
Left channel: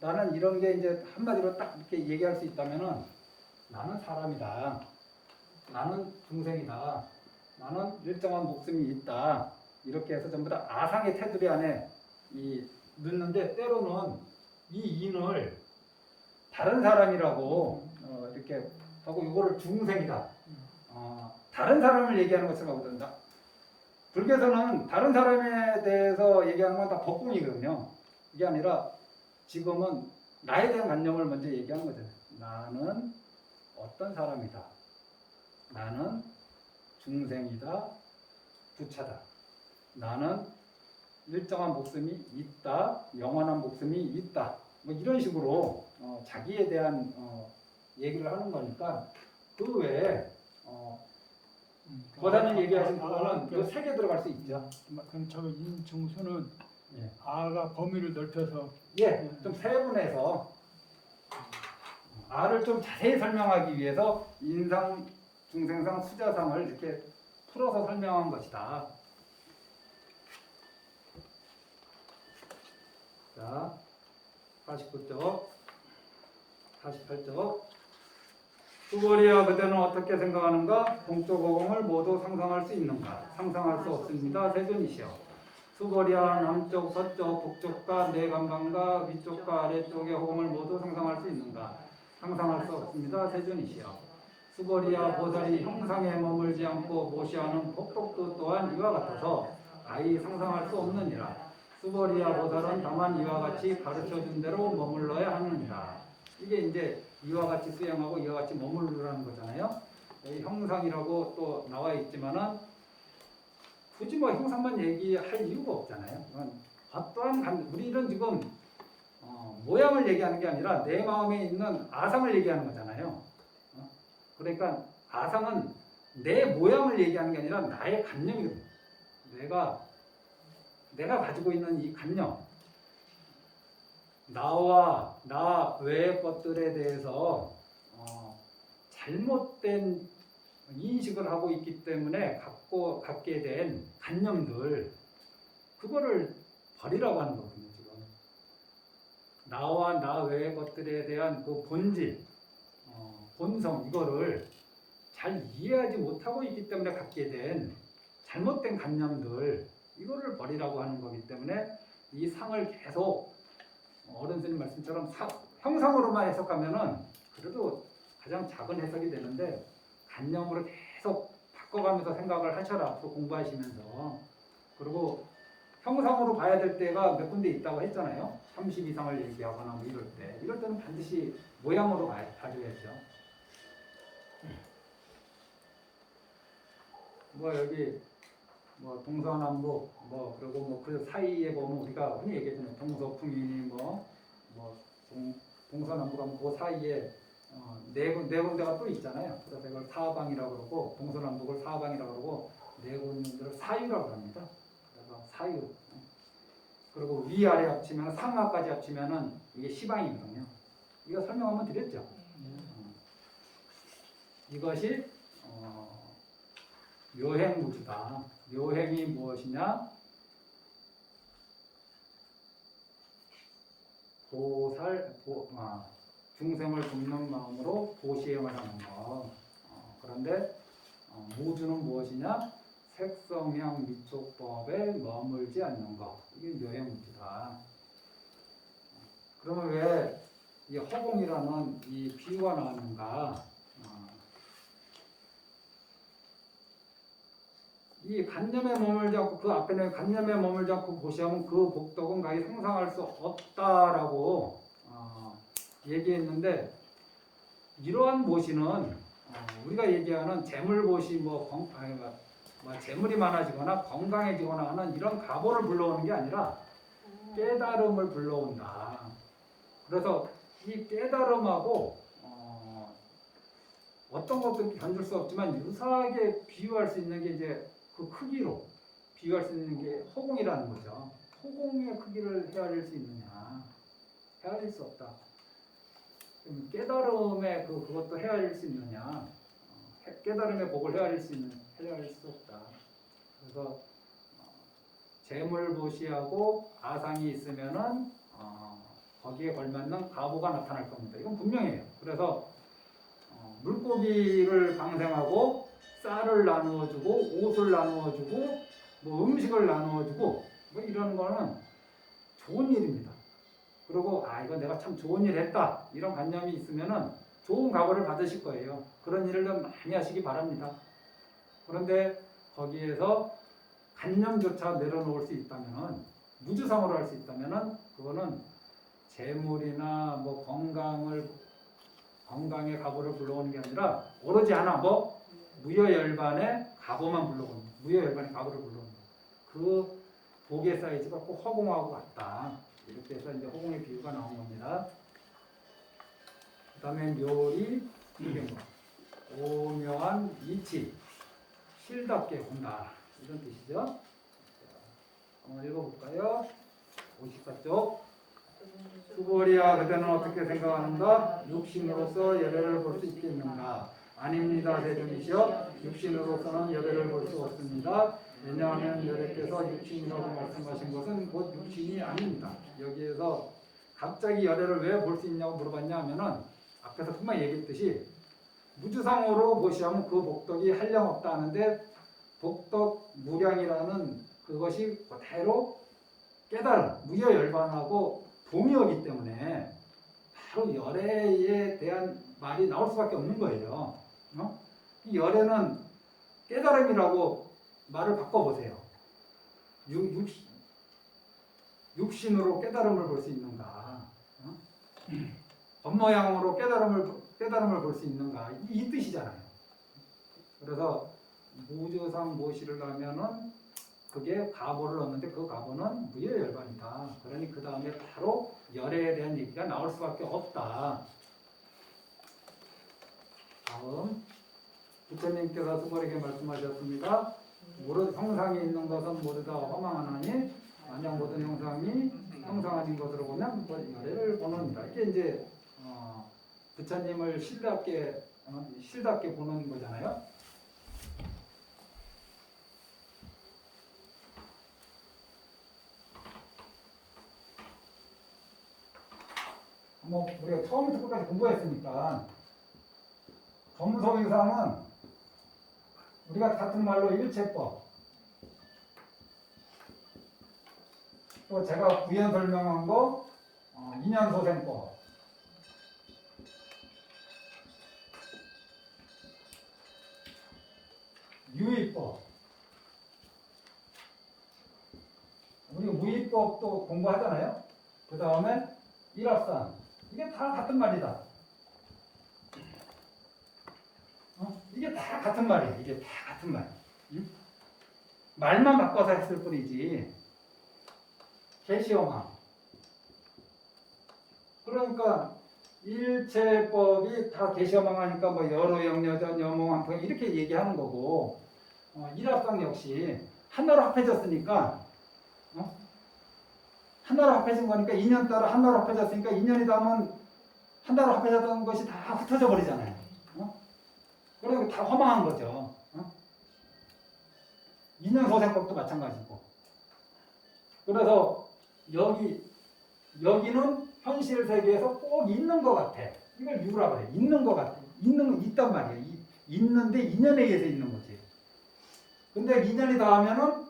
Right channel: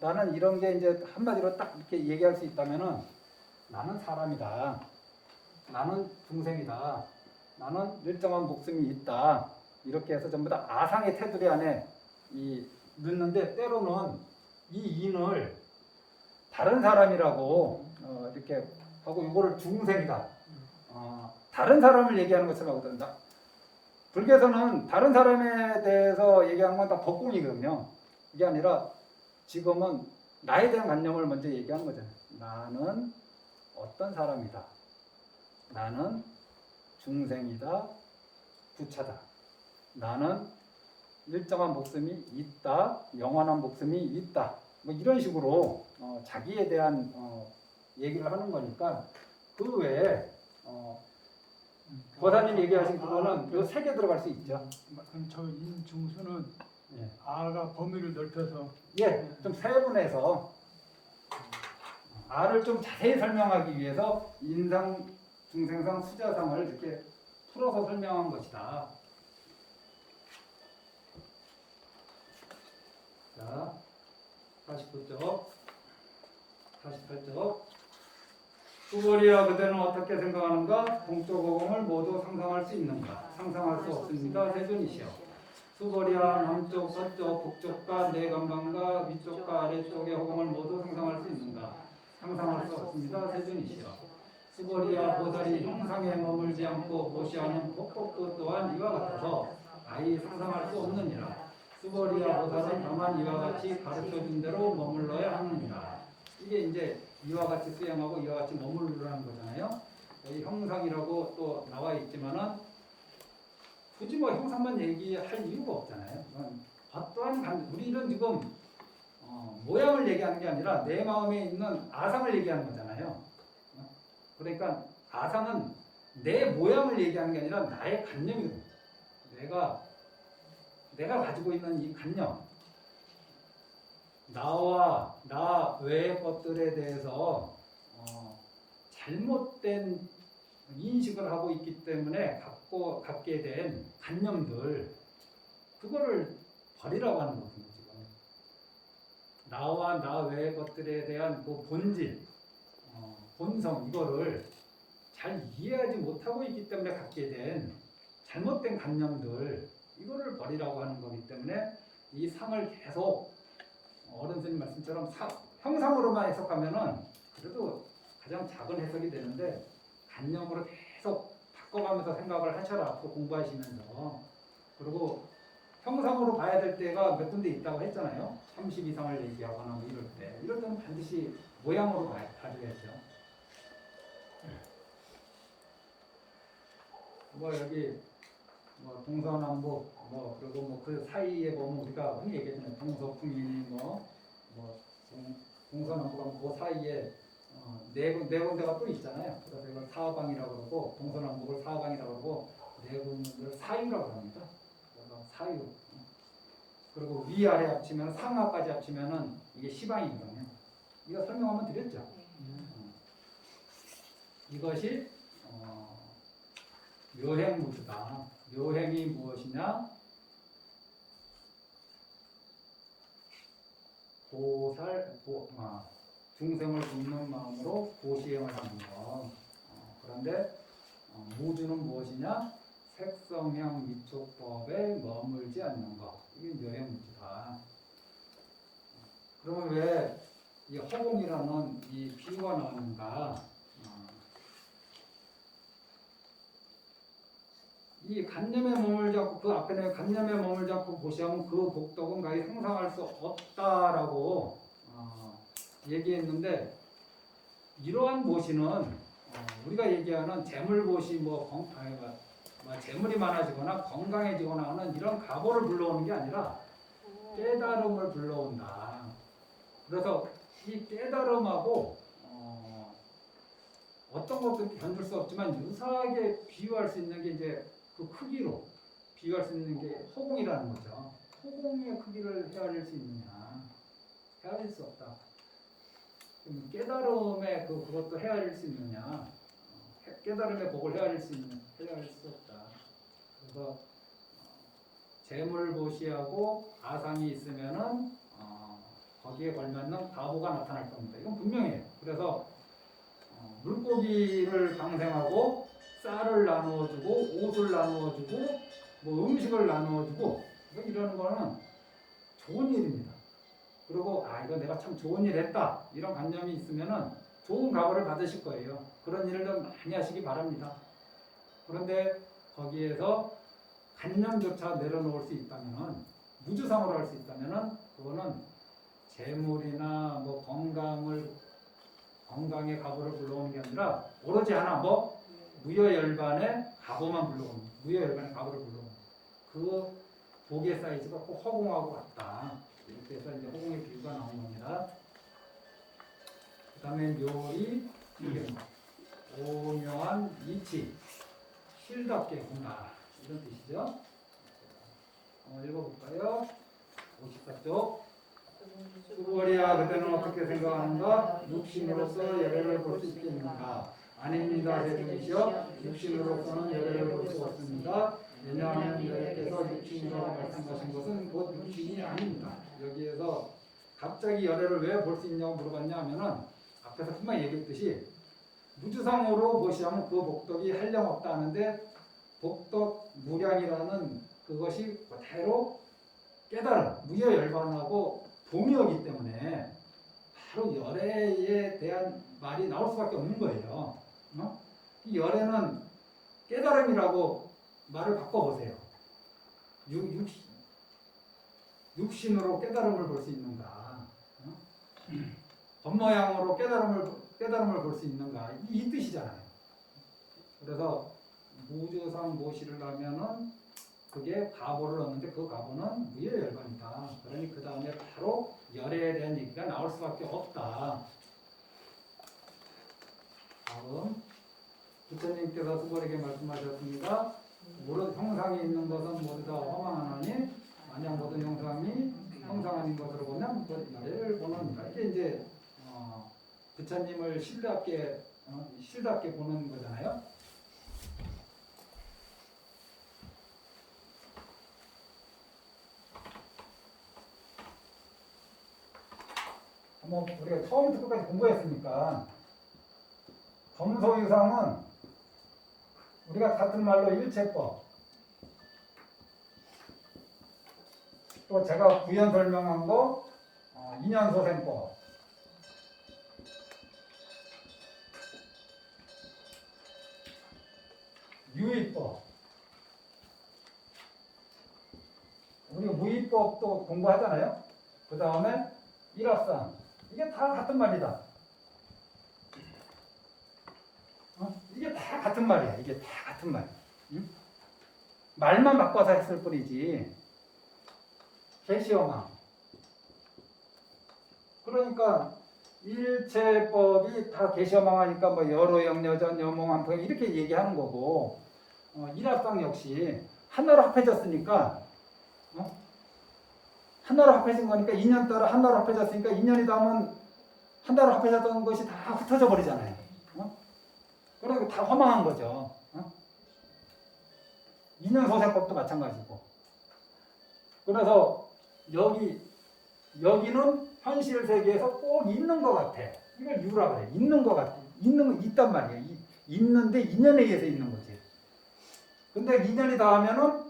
나는 이런 게 이제 한마디로 딱 이렇게 얘기할 수 있다면은 나는 사람이다. 나는 중생이다. 나는 일정한 목숨이 있다. 이렇게 해서 전부 다 아상의 테두리 안에 넣는데 때로는 이 인을 다른 사람이라고 이렇게 하고 이거를 중생이다. 다른 사람을 얘기하는 것을 하거든요. 불교에서는 다른 사람에 대해서 얘기하는 건 다 법공이거든요. 이게 아니라 지금은 나에 대한 관념을 먼저 얘기한 거죠. 나는 어떤 사람이다. 나는 중생이다. 부차다. 나는 일정한 목숨이 있다. 영원한 목숨이 있다. 뭐 이런 식으로 자기에 대한 얘기를 하는 거니까 그 외에 보다님 얘기하신 그거는 이 세 개 들어갈 수 있죠. 그럼 저 인중수는 예. 아가 범위를 넓혀서 예, 좀 세분해서 아를 좀 자세히 설명하기 위해서 인상, 중생상, 수자상을 이렇게 풀어서 설명한 것이다. 자, 49쪽, 48쪽. 수고리야 그대는 어떻게 생각하는가? 동쪽 오공을 모두 상상할 수 있는가? 상상할 수 없습니다. 세존이시여. 수거리야 남쪽, 서쪽, 북쪽과 내 감각과 위쪽과 아래쪽의 허공을 모두 상상할 수 있는가? 상상할 수 없습니다. 세존이시여. 수거리야 보살이 형상에 머물지 않고 보시하는 폭폭도 또한 이와 같아서 아예 상상할 수 없느니라. 수거리야 보살은 다만 이와 같이 가르쳐준 대로 머물러야 하느니라. 이게 이제 이와 같이 수행하고 이와 같이 머무르라는 거잖아요. 여기 형상이라고 또 나와 있지만은 굳이 뭐 형상만 얘기할 이유가 없잖아요. 어떠한 우리는 지금 모양을 얘기하는 게 아니라 내 마음에 있는 아상을 얘기하는 거잖아요. 그러니까 아상은 내 모양을 얘기하는 게 아니라 나의 관념이거든요. 내가 가지고 있는 이 관념, 나와 나 외의 것들에 대해서 잘못된 인식을 하고 있기 때문에 갖게 된 관념들, 그거를 버리라고 하는 거거든요. 지금 나와 나 외의 것들에 대한 그 본질, 본성, 이거를 잘 이해하지 못하고 있기 때문에 갖게 된 잘못된 관념들, 이거를 버리라고 하는 거기 때문에 이 상을 계속 어른스님 말씀처럼 형상으로만 해석하면은 그래도 가장 작은 해석이 되는데 관념으로 계속 바꿔가면서 생각을 하셔라. 앞으로 공부하시면서. 그리고 형상으로 봐야 될 때가 몇 군데 있다고 했잖아요. 30 이상을 얘기하거나 뭐 이럴 때. 이럴 때는 반드시 모양으로 봐줘야죠. 뭐 여기 뭐 동서남북 뭐 그리고 뭐 그 사이에 보면 우리가 흔히 얘기하잖아요. 동서풍이 뭐 동서남북하면 그 사이에 네 군데가 또 있잖아요. 그래서 이걸 사방이라고 그러고 동서남북을 사방이라고 그러고 네 군데를 사유라고 합니다. 그래서 사유. 그리고 위아래 합치면 상하까지 합치면은 이게 시방이거든요. 이거 설명하면 드렸죠. 이것이 요행무주다. 요행이 무엇이냐? 중생을 돕는 마음으로 보시행을 하는 것. 그런데 무주는 무엇이냐? 색성향 미촉법에 머물지 않는 것. 이게 요행무주다. 그러면 왜 이 허공이라는 이 비유가 나왔는가? 이 간념에 머물지 않고 그 앞에는 간념에 머물지 않고 보시하면 그 복덕은 가히 상상할 수 없다라고 얘기했는데 이러한 보시는 우리가 얘기하는 재물보시 재물이 많아지거나 건강해지거나 하는 이런 가보를 불러오는 게 아니라 깨달음을 불러온다. 그래서 이 깨달음하고 어떤 것도 견줄 수 없지만 유사하게 비유할 수 있는 게 이제 그 크기로 비교할 수 있는 게 허공이라는 거죠. 허공의 크기를 헤아릴 수 있느냐? 헤아릴 수 없다. 그럼 깨달음의 그것도 헤아릴 수 있느냐? 깨달음의 복을 헤아릴 수 없다. 그래서 재물보시하고 아상이 있으면은 거기에 걸맞는 가보가 나타날 겁니다. 이건 분명해요. 그래서 물고기를 방생하고 쌀을 나누어주고 옷을 나누어주고 뭐 음식을 나누어주고 뭐 이런 거는 좋은 일입니다. 그리고 이거 내가 참 좋은 일 했다 이런 관념이 있으면은 좋은 각오를 받으실 거예요. 그런 일을 좀 많이 하시기 바랍니다. 그런데 거기에서 관념조차 내려놓을 수 있다면은 무주상으로 할 수 있다면은 그거는 재물이나 뭐 건강의 가보를 불러오는 게 아니라 오로지 하나 무여열반의 가보만 불러오는 무여열반의 가보를 불러오는 그 복의 사이즈가 꼭 허공하고 같다. 이렇게 해서 이제 허공의 비유가 나온 겁니다. 그 다음에 묘리 이된 것 오묘한 이치 실답게 본다 이런 뜻이죠. 한번 읽어볼까요? 54쪽 수고리야 그대는 어떻게 생각하는가? 육신으로서 예배를 볼 수 있겠는가? 아닙니다 대중이시여 육신으로서는 예배를 볼 수 없습니다. 왜냐하면 여래께서 육신이라고 말씀하신 것은 곧 육신이 아닙니다. 여기에서 갑자기 열애를 왜 볼 수 있냐고 물어봤냐 하면은 앞에서 금방 얘기했듯이 무주상으로 보시하면 그 복덕이 한량없다 하는데 복덕 무량이라는 그것이 그대로 깨달음, 무여열반하고 동의어기 때문에 바로 열애에 대한 말이 나올 수밖에 없는 거예요. 이 열애는 깨달음이라고 말을 바꿔보세요. 육신으로 깨달음을 볼 수 있는가? 겉모양으로 깨달음을 볼 수 있는가? 이 뜻이잖아요. 그래서 무주상 모시를 하면은 그게 가보를 얻는데 그 가보는 무여열반이다. 그러니 그 다음에 바로 열애에 대한 얘기가 나올 수밖에 없다. 다음 부처님께서 수고에게 말씀하셨습니다. 모든 형상이 있는 것은 모두 다 허망하나니 만약 모든 형상이 형상 아닌 것으로 보면 열애를 보는다. 이게 이제 부처님을 실답게 보는 거잖아요. 우리가 처음부터 끝까지 공부했으니까 범소유상은 우리가 같은 말로 일체법 또 제가 구현 설명한 거 인연소생법 유의법. 우리가 무의법도 공부하잖아요. 그 다음에 일합상. 이게 다 같은 말이다. 이게 다 같은 말이야. 이게 다 같은 말. 응? 말만 바꿔서 했을 뿐이지. 개시어망. 그러니까 일체법이 다 개시어망하니까 뭐 여로 영여전 여몽한포 이렇게 얘기하는 거고 일합상 역시 하나로 합해졌으니까 하나로 합해진 거니까 2년 따라 하나로 합해졌으니까 2년이 다음은 하나로 합해졌던 것이 다 흩어져 버리잖아요. 그러니까 다 허망한 거죠. 2년 소생법도 마찬가지고. 그래서 여기는 현실 세계에서 꼭 있는 것 같아. 이걸 유라 그래. 있는 것 같아. 있는 거 있단 말이에요. 있는데 2년에 의해서 있는 거지. 근데 2년이 닿으면은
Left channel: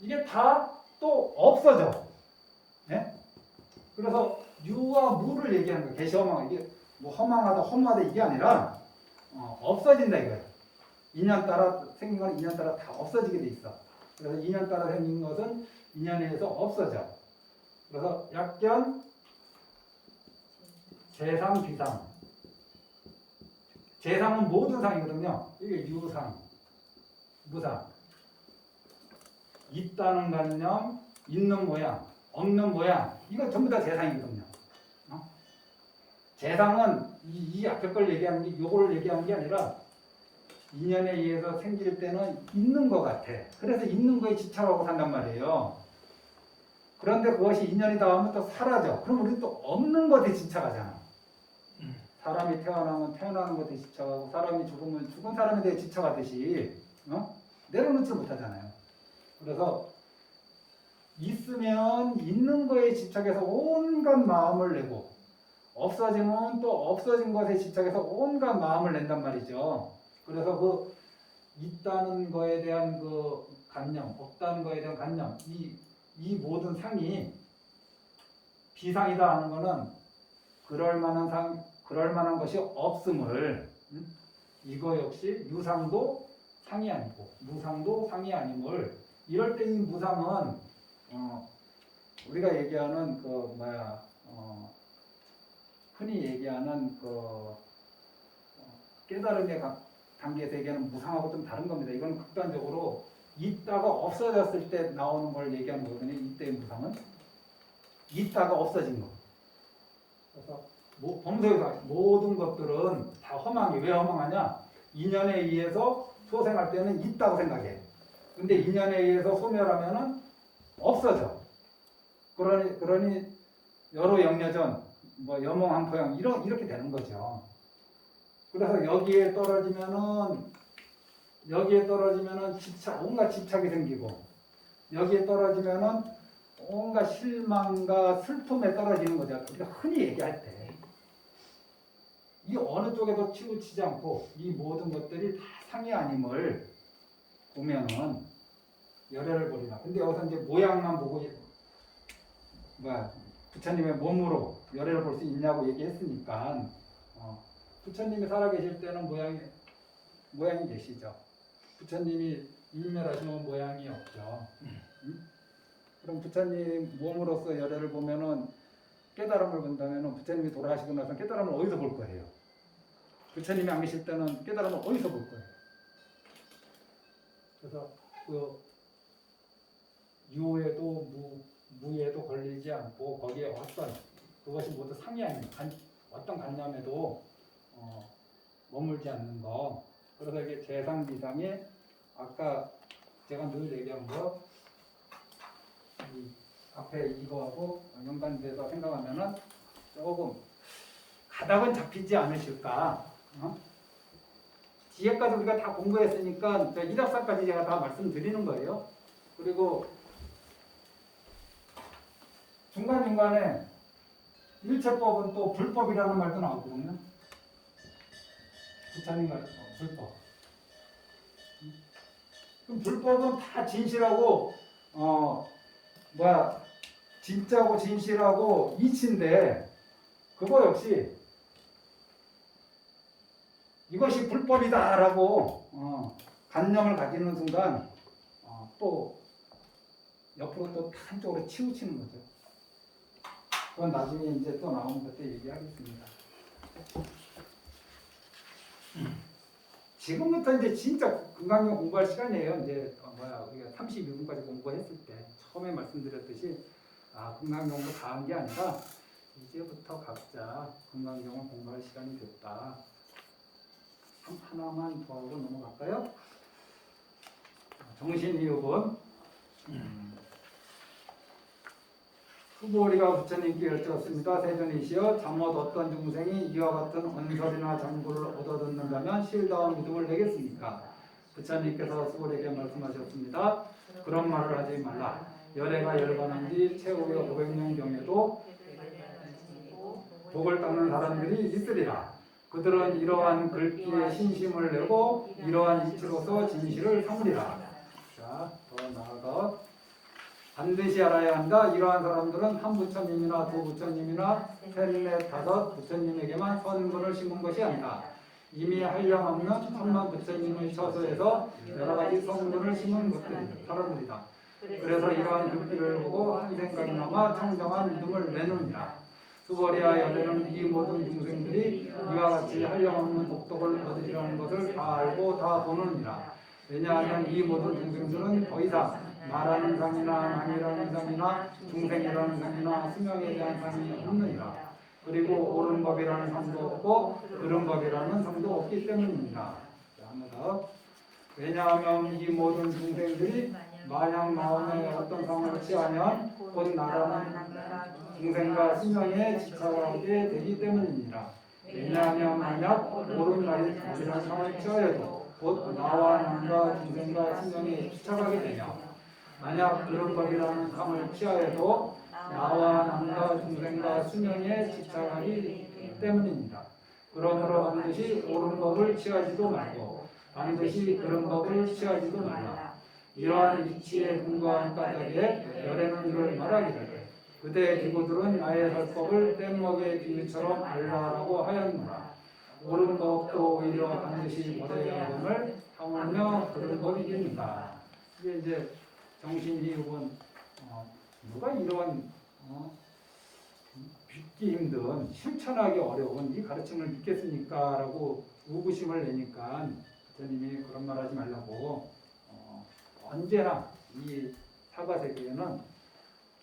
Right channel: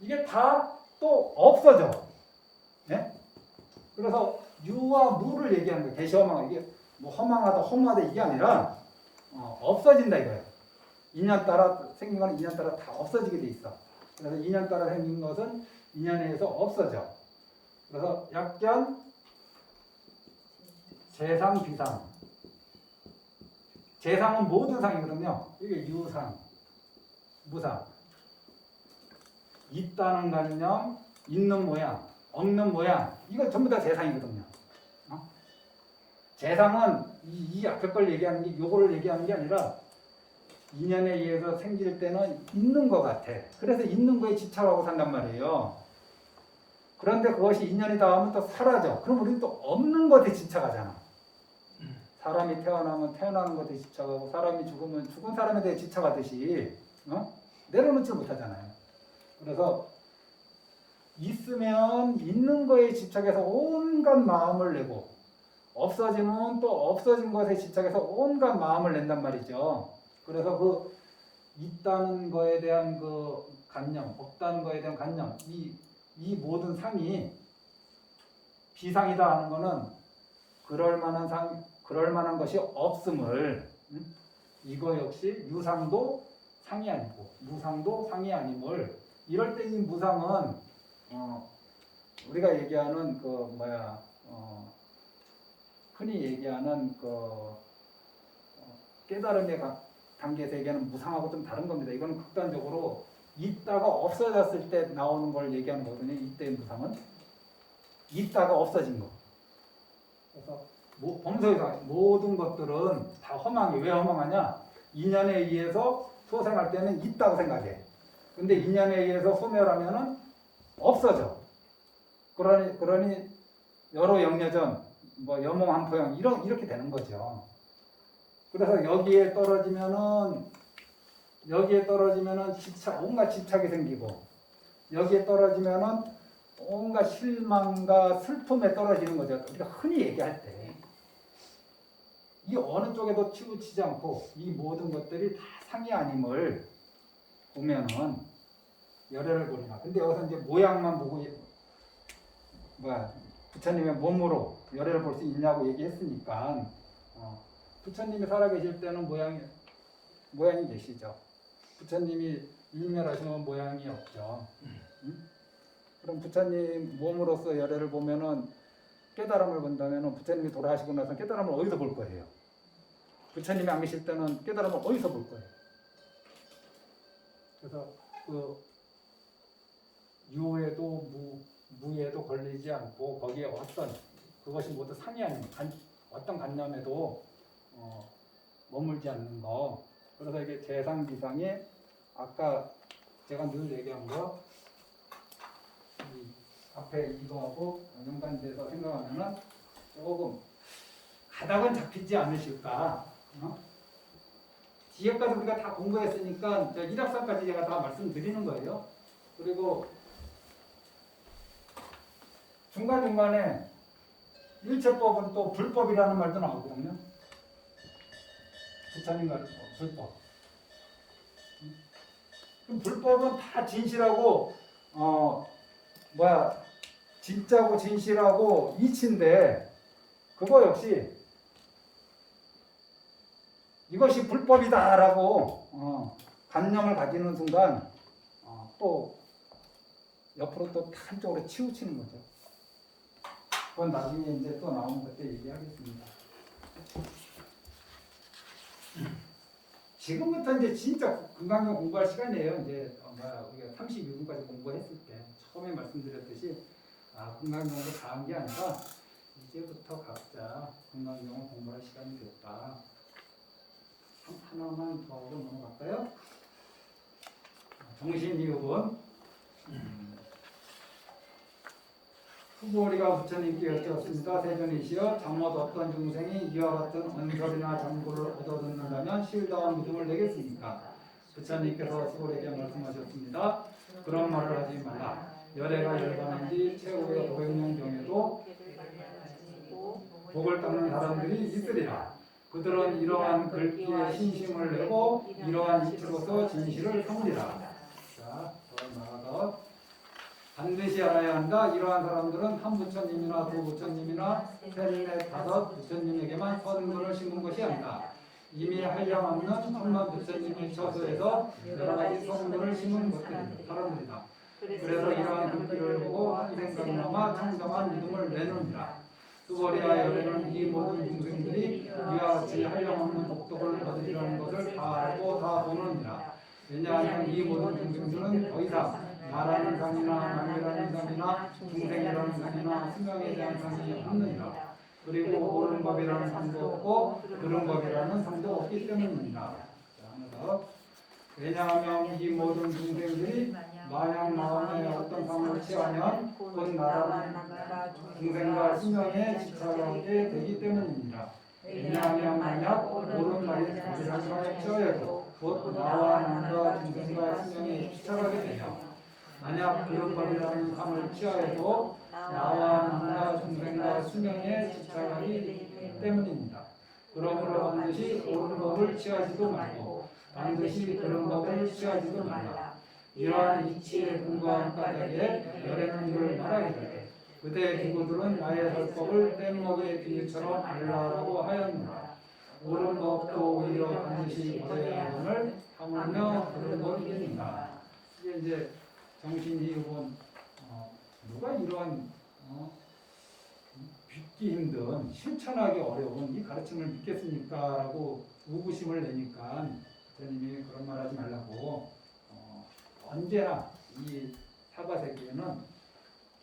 이게 다 또 없어져. 예? 그래서 유와 무를 얘기하는 거예요. 개시허망. 이게 뭐 허망하다, 허무하다 이게 아니라 없어진다 이거예요. 2년 따라 생긴 거는 2년 따라 다 없어지게 돼 있어. 그래서 2년 따라 생긴 것은 2년에 의해서 없어져. 그래서 약견, 재상, 비상. 재상은 모든 상이거든요. 이게 유상, 무상. 있다는 관념, 있는 모양, 없는 모양. 이거 전부 다 재상이거든요. 재상은 이 앞에 걸 얘기하는 게 요거를 얘기하는 게 아니라 2년에 의해서 생길 때는 있는 것 같아. 그래서 있는 거에 집착하고 산단 말이에요. 그런데 그것이 2년이 닿으면 또 사라져. 그럼 우리는 또 없는 것에 집착하잖아. 사람이 태어나면 태어나는 것에 집착하고 사람이 죽으면 죽은 사람에 대해 집착하듯이 내려놓지 못하잖아요. 그래서 있으면 있는 거에 집착해서 온갖 마음을 내고 없어지면 또 없어진 것에 집착해서 온갖 마음을 낸단 말이죠. 그래서 그 있다는 거에 대한 그 관념, 없다는 거에 대한 관념, 이 모든 상이 비상이다 하는 거는 그럴 만한 것이 없음을 이거 역시 유상도 상이 아니고 무상도 상이 아님을 이럴 때 이 무상은 우리가 얘기하는 흔히 얘기하는 깨달음의 단계에서 얘기하는 무상하고 좀 다른 겁니다. 이건 극단적으로 있다가 없어졌을 때 나오는 걸 얘기하는 거거든요. 이때의 무상은 있다가 없어진 거. 그래서 범소에서 모든 것들은 다 허망해. 왜 허망하냐? 인연에 의해서 소생할 때는 있다고 생각해. 근데 인연에 의해서 소멸하면은 없어져. 그러니 여로 영여전, 뭐 여몽한포영 이렇게 되는 거죠. 그래서 여기에 떨어지면은 온갖 집착이 생기고 여기에 떨어지면은 온갖 실망과 슬픔에 떨어지는 거죠. 우리가 흔히 얘기할 때 이 어느 쪽에도 치우치지 않고 이 모든 것들이 다 상이 아님을 보면은 열애를 보리나. 근데 여기서 이제 모양만 보고 부처님의 몸으로 열애를 볼 수 있냐고 얘기했으니까 부처님이 살아계실 때는 모양이 계시죠. 부처님이 일멸하시면 모양이 없죠. 그럼 부처님 몸으로서 열애를 보면은 깨달음을 본다면은 부처님이 돌아가시고 나서 깨달음을 어디서 볼 거예요? 부처님이 안 계실 때는 깨달음을 어디서 볼 거예요? 그래서 유에도 무에도 걸리지 않고 거기에 그것이 모두 상이 아닌 어떤 관념에도 머물지 않는 거. 그래서 이게 재상 비상이 아까 제가 늘 얘기한 거 앞에 이거하고 연관돼서 생각하면은 조금 가닥은 잡히지 않으실까. 지혜까지 우리가 다 공부했으니까 일합상까지 제가 다 말씀드리는 거예요. 그리고 중간중간에 일체법은 또 불법이라는 말도 나오거든요. 부처님과 불법. 그럼 불법은 다 진실하고 진짜고 진실하고 이치인데 그거 역시 이것이 불법이다라고 관념을 가지는 순간 또 옆으로 또 한쪽으로 치우치는 거죠. 그건 나중에 이제 또 나오면 그때 얘기하겠습니다. 지금부터 이제 진짜 금강경 공부할 시간이에요. 이제 우리가 32분까지 공부했을 때 처음에 말씀드렸듯이 금강경 공부 다 한 게 아니라 이제부터 각자 금강경을 공부할 시간이 됐다. 하나만 더 하고 넘어갈까요? 정신이육은 후보리가 부처님께 여쭈었습니다. 세존이시여 잠옷 어떤 중생이 이와 같은 언설이나 장구를 얻어듣는다면 실다운 믿음을 내겠습니까? 부처님께서 수고리에게 말씀하셨습니다. 그런 말을 하지 말라. 열애가 열반한 지 최후의 500년 경에도 복을 닦는 사람들이 있으리라. 그들은 이러한 글귀에 신심을 내고 이러한 이치로서 진실을 삼으리라. 자, 더 나아가 반드시 알아야 한다. 이러한 사람들은 한 부처님이나 두 부처님이나 셋, 넷, 다섯 부처님에게만 선물을 심은 것이 아니다. 이미 한량없는 천만 부처님의 처소에서 여러 가지 성분을 심은 사람들이다. 그래서 이러한 글귀를 보고 한 생각이나마 청정한 믿음을 내놓는다. 수고리아 열애는 이 모든 중생들이 이와 같이 한량없는 독독을 얻으리라는 것을 다 알고 다 보느니라. 왜냐하면 이 모든 중생들은 더 이상 말하는 상이나 남이라는 상이나 중생이라는 상이나 수명에 대한 상이 없느니라. 그리고 옳은 법이라는 상도 없고 그른 법이라는 상도 없기 때문입니다. 자, 하나 더. 왜냐하면 이 모든 중생들이 만약 마음에 어떤 상을 취하면 곧 나라는 중생과 수명에 지쳐가게 되기 때문입니다. 왜냐하면 만약 옳은 말인 법이라는 상을 취하여도 곧 나와 남과 중생과 수명에 지쳐가게 되며 만약 그런 법이라는 상을 취하여도 나와 남과 중생과 수명에 지쳐가기 때문입니다. 그러므로 반드시 옳은 법을 취하지도 말고 반드시 그런 법을 취하지도 말라. 이러한 이치에 근거한 까닭에 열애는 이를 말하기를 그대의 기구들은 나의 설법을 뗏목의 비유처럼 알라라고 하였노라. 옳은 법도 오히려 반드시 모래야금을 하물며 그런 법이니라. 이게 이제 정신이육은 누가 이러한 믿기 힘든 실천하기 어려운 이 가르침을 믿겠습니까? 라고 우구심을 내니까 부처님이 그런 말 하지 말라고 언제나 이 사과세계에는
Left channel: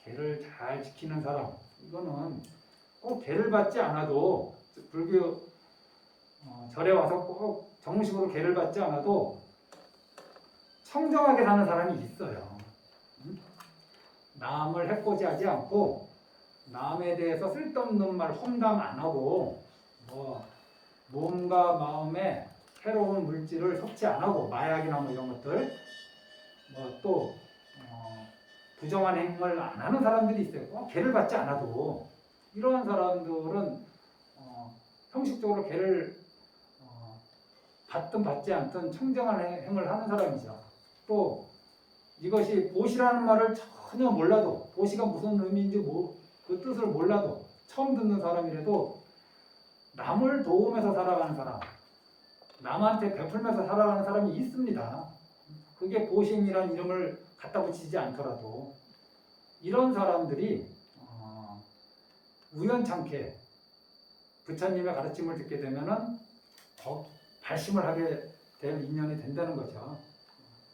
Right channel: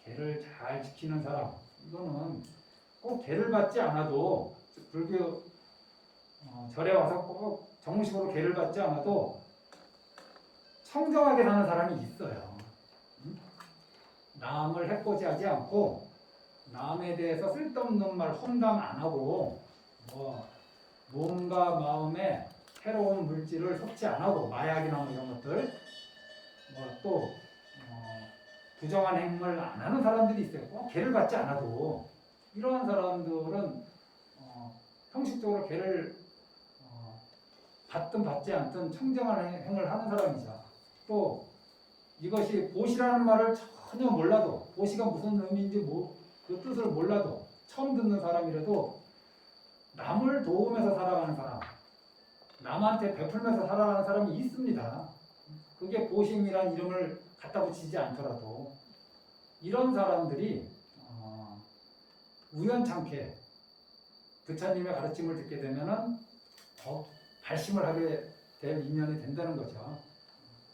계를 잘 지키는 사람, 이거는 꼭 계를 받지 않아도 불교 절에 와서 꼭 정식으로 계를 받지 않아도 청정하게 사는 사람이 있어요. 남을 해코지하지 않고 남에 대해서 쓸데없는 말 험담 안 하고 몸과 마음에 해로운 물질을 섭취 안 하고 마약이나 이런 것들 또 부정한 행동을 안 하는 사람들이 있어요. 꼭 계를 받지 않아도 이러한 사람들은 형식적으로 계를 받든 받지 않든 청정한 행을 하는 사람이죠. 또 이것이 보시라는 말을 전혀 몰라도 보시가 무슨 의미인지 그 뜻을 몰라도 처음 듣는 사람이라도 남을 도우면서 살아가는 사람, 남한테 베풀면서 살아가는 사람이 있습니다. 그게 보시이라는 이름을 갖다 붙이지 않더라도 이런 사람들이 우연찮게 부처님의 가르침을 듣게 되면은 더 발심을 하게 될 인연이 된다는 거죠.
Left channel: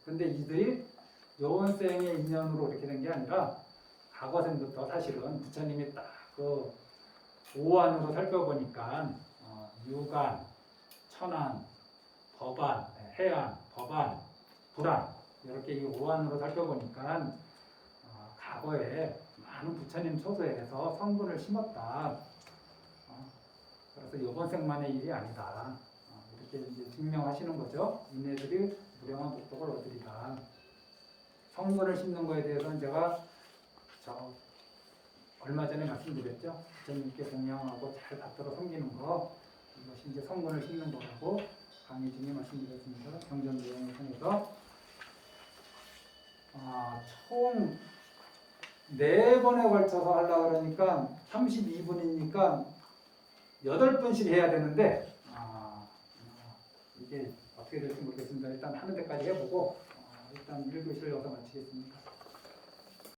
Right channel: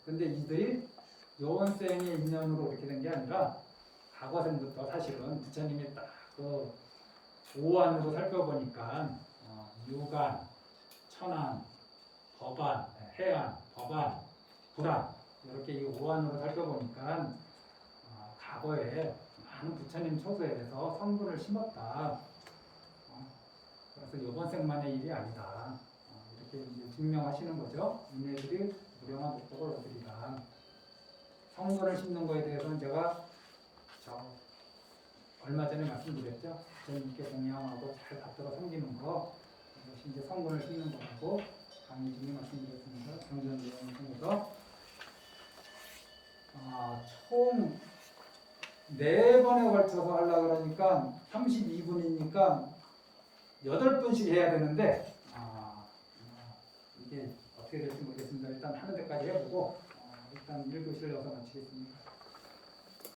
근데 이들이 요원생의 인연으로 이렇게 된 게 아니라 과거생부터 사실은 부처님이 딱 그 오안으로 살펴보니까 유관, 천안, 법안, 해안, 법안, 불안 이렇게 이 오안으로 살펴보니까 과거에 많은 부처님 초소에서 성분을 심었다. 그래서 이번 생만의 일이 아니다. 이렇게 이제 증명하시는 거죠. 이네들이 무량한 복덕을 얻으리라. 성분을 심는 거에 대해서는 제가 얼마 전에 말씀드렸죠. 부처님께 공양하고 잘 받들어 섬기는 거, 이것이 이제 성분을 심는 거라고 강의 중에 말씀드렸습니다. 경전 내용을 통해서 총 4번에 걸쳐서 하려고 그러니까 32분이니까 8번씩 해야 되는데 이게 어떻게 될지 모르겠습니다. 일단 하는 데까지 해보고 일단 1교시를 여기서 마치겠습니다.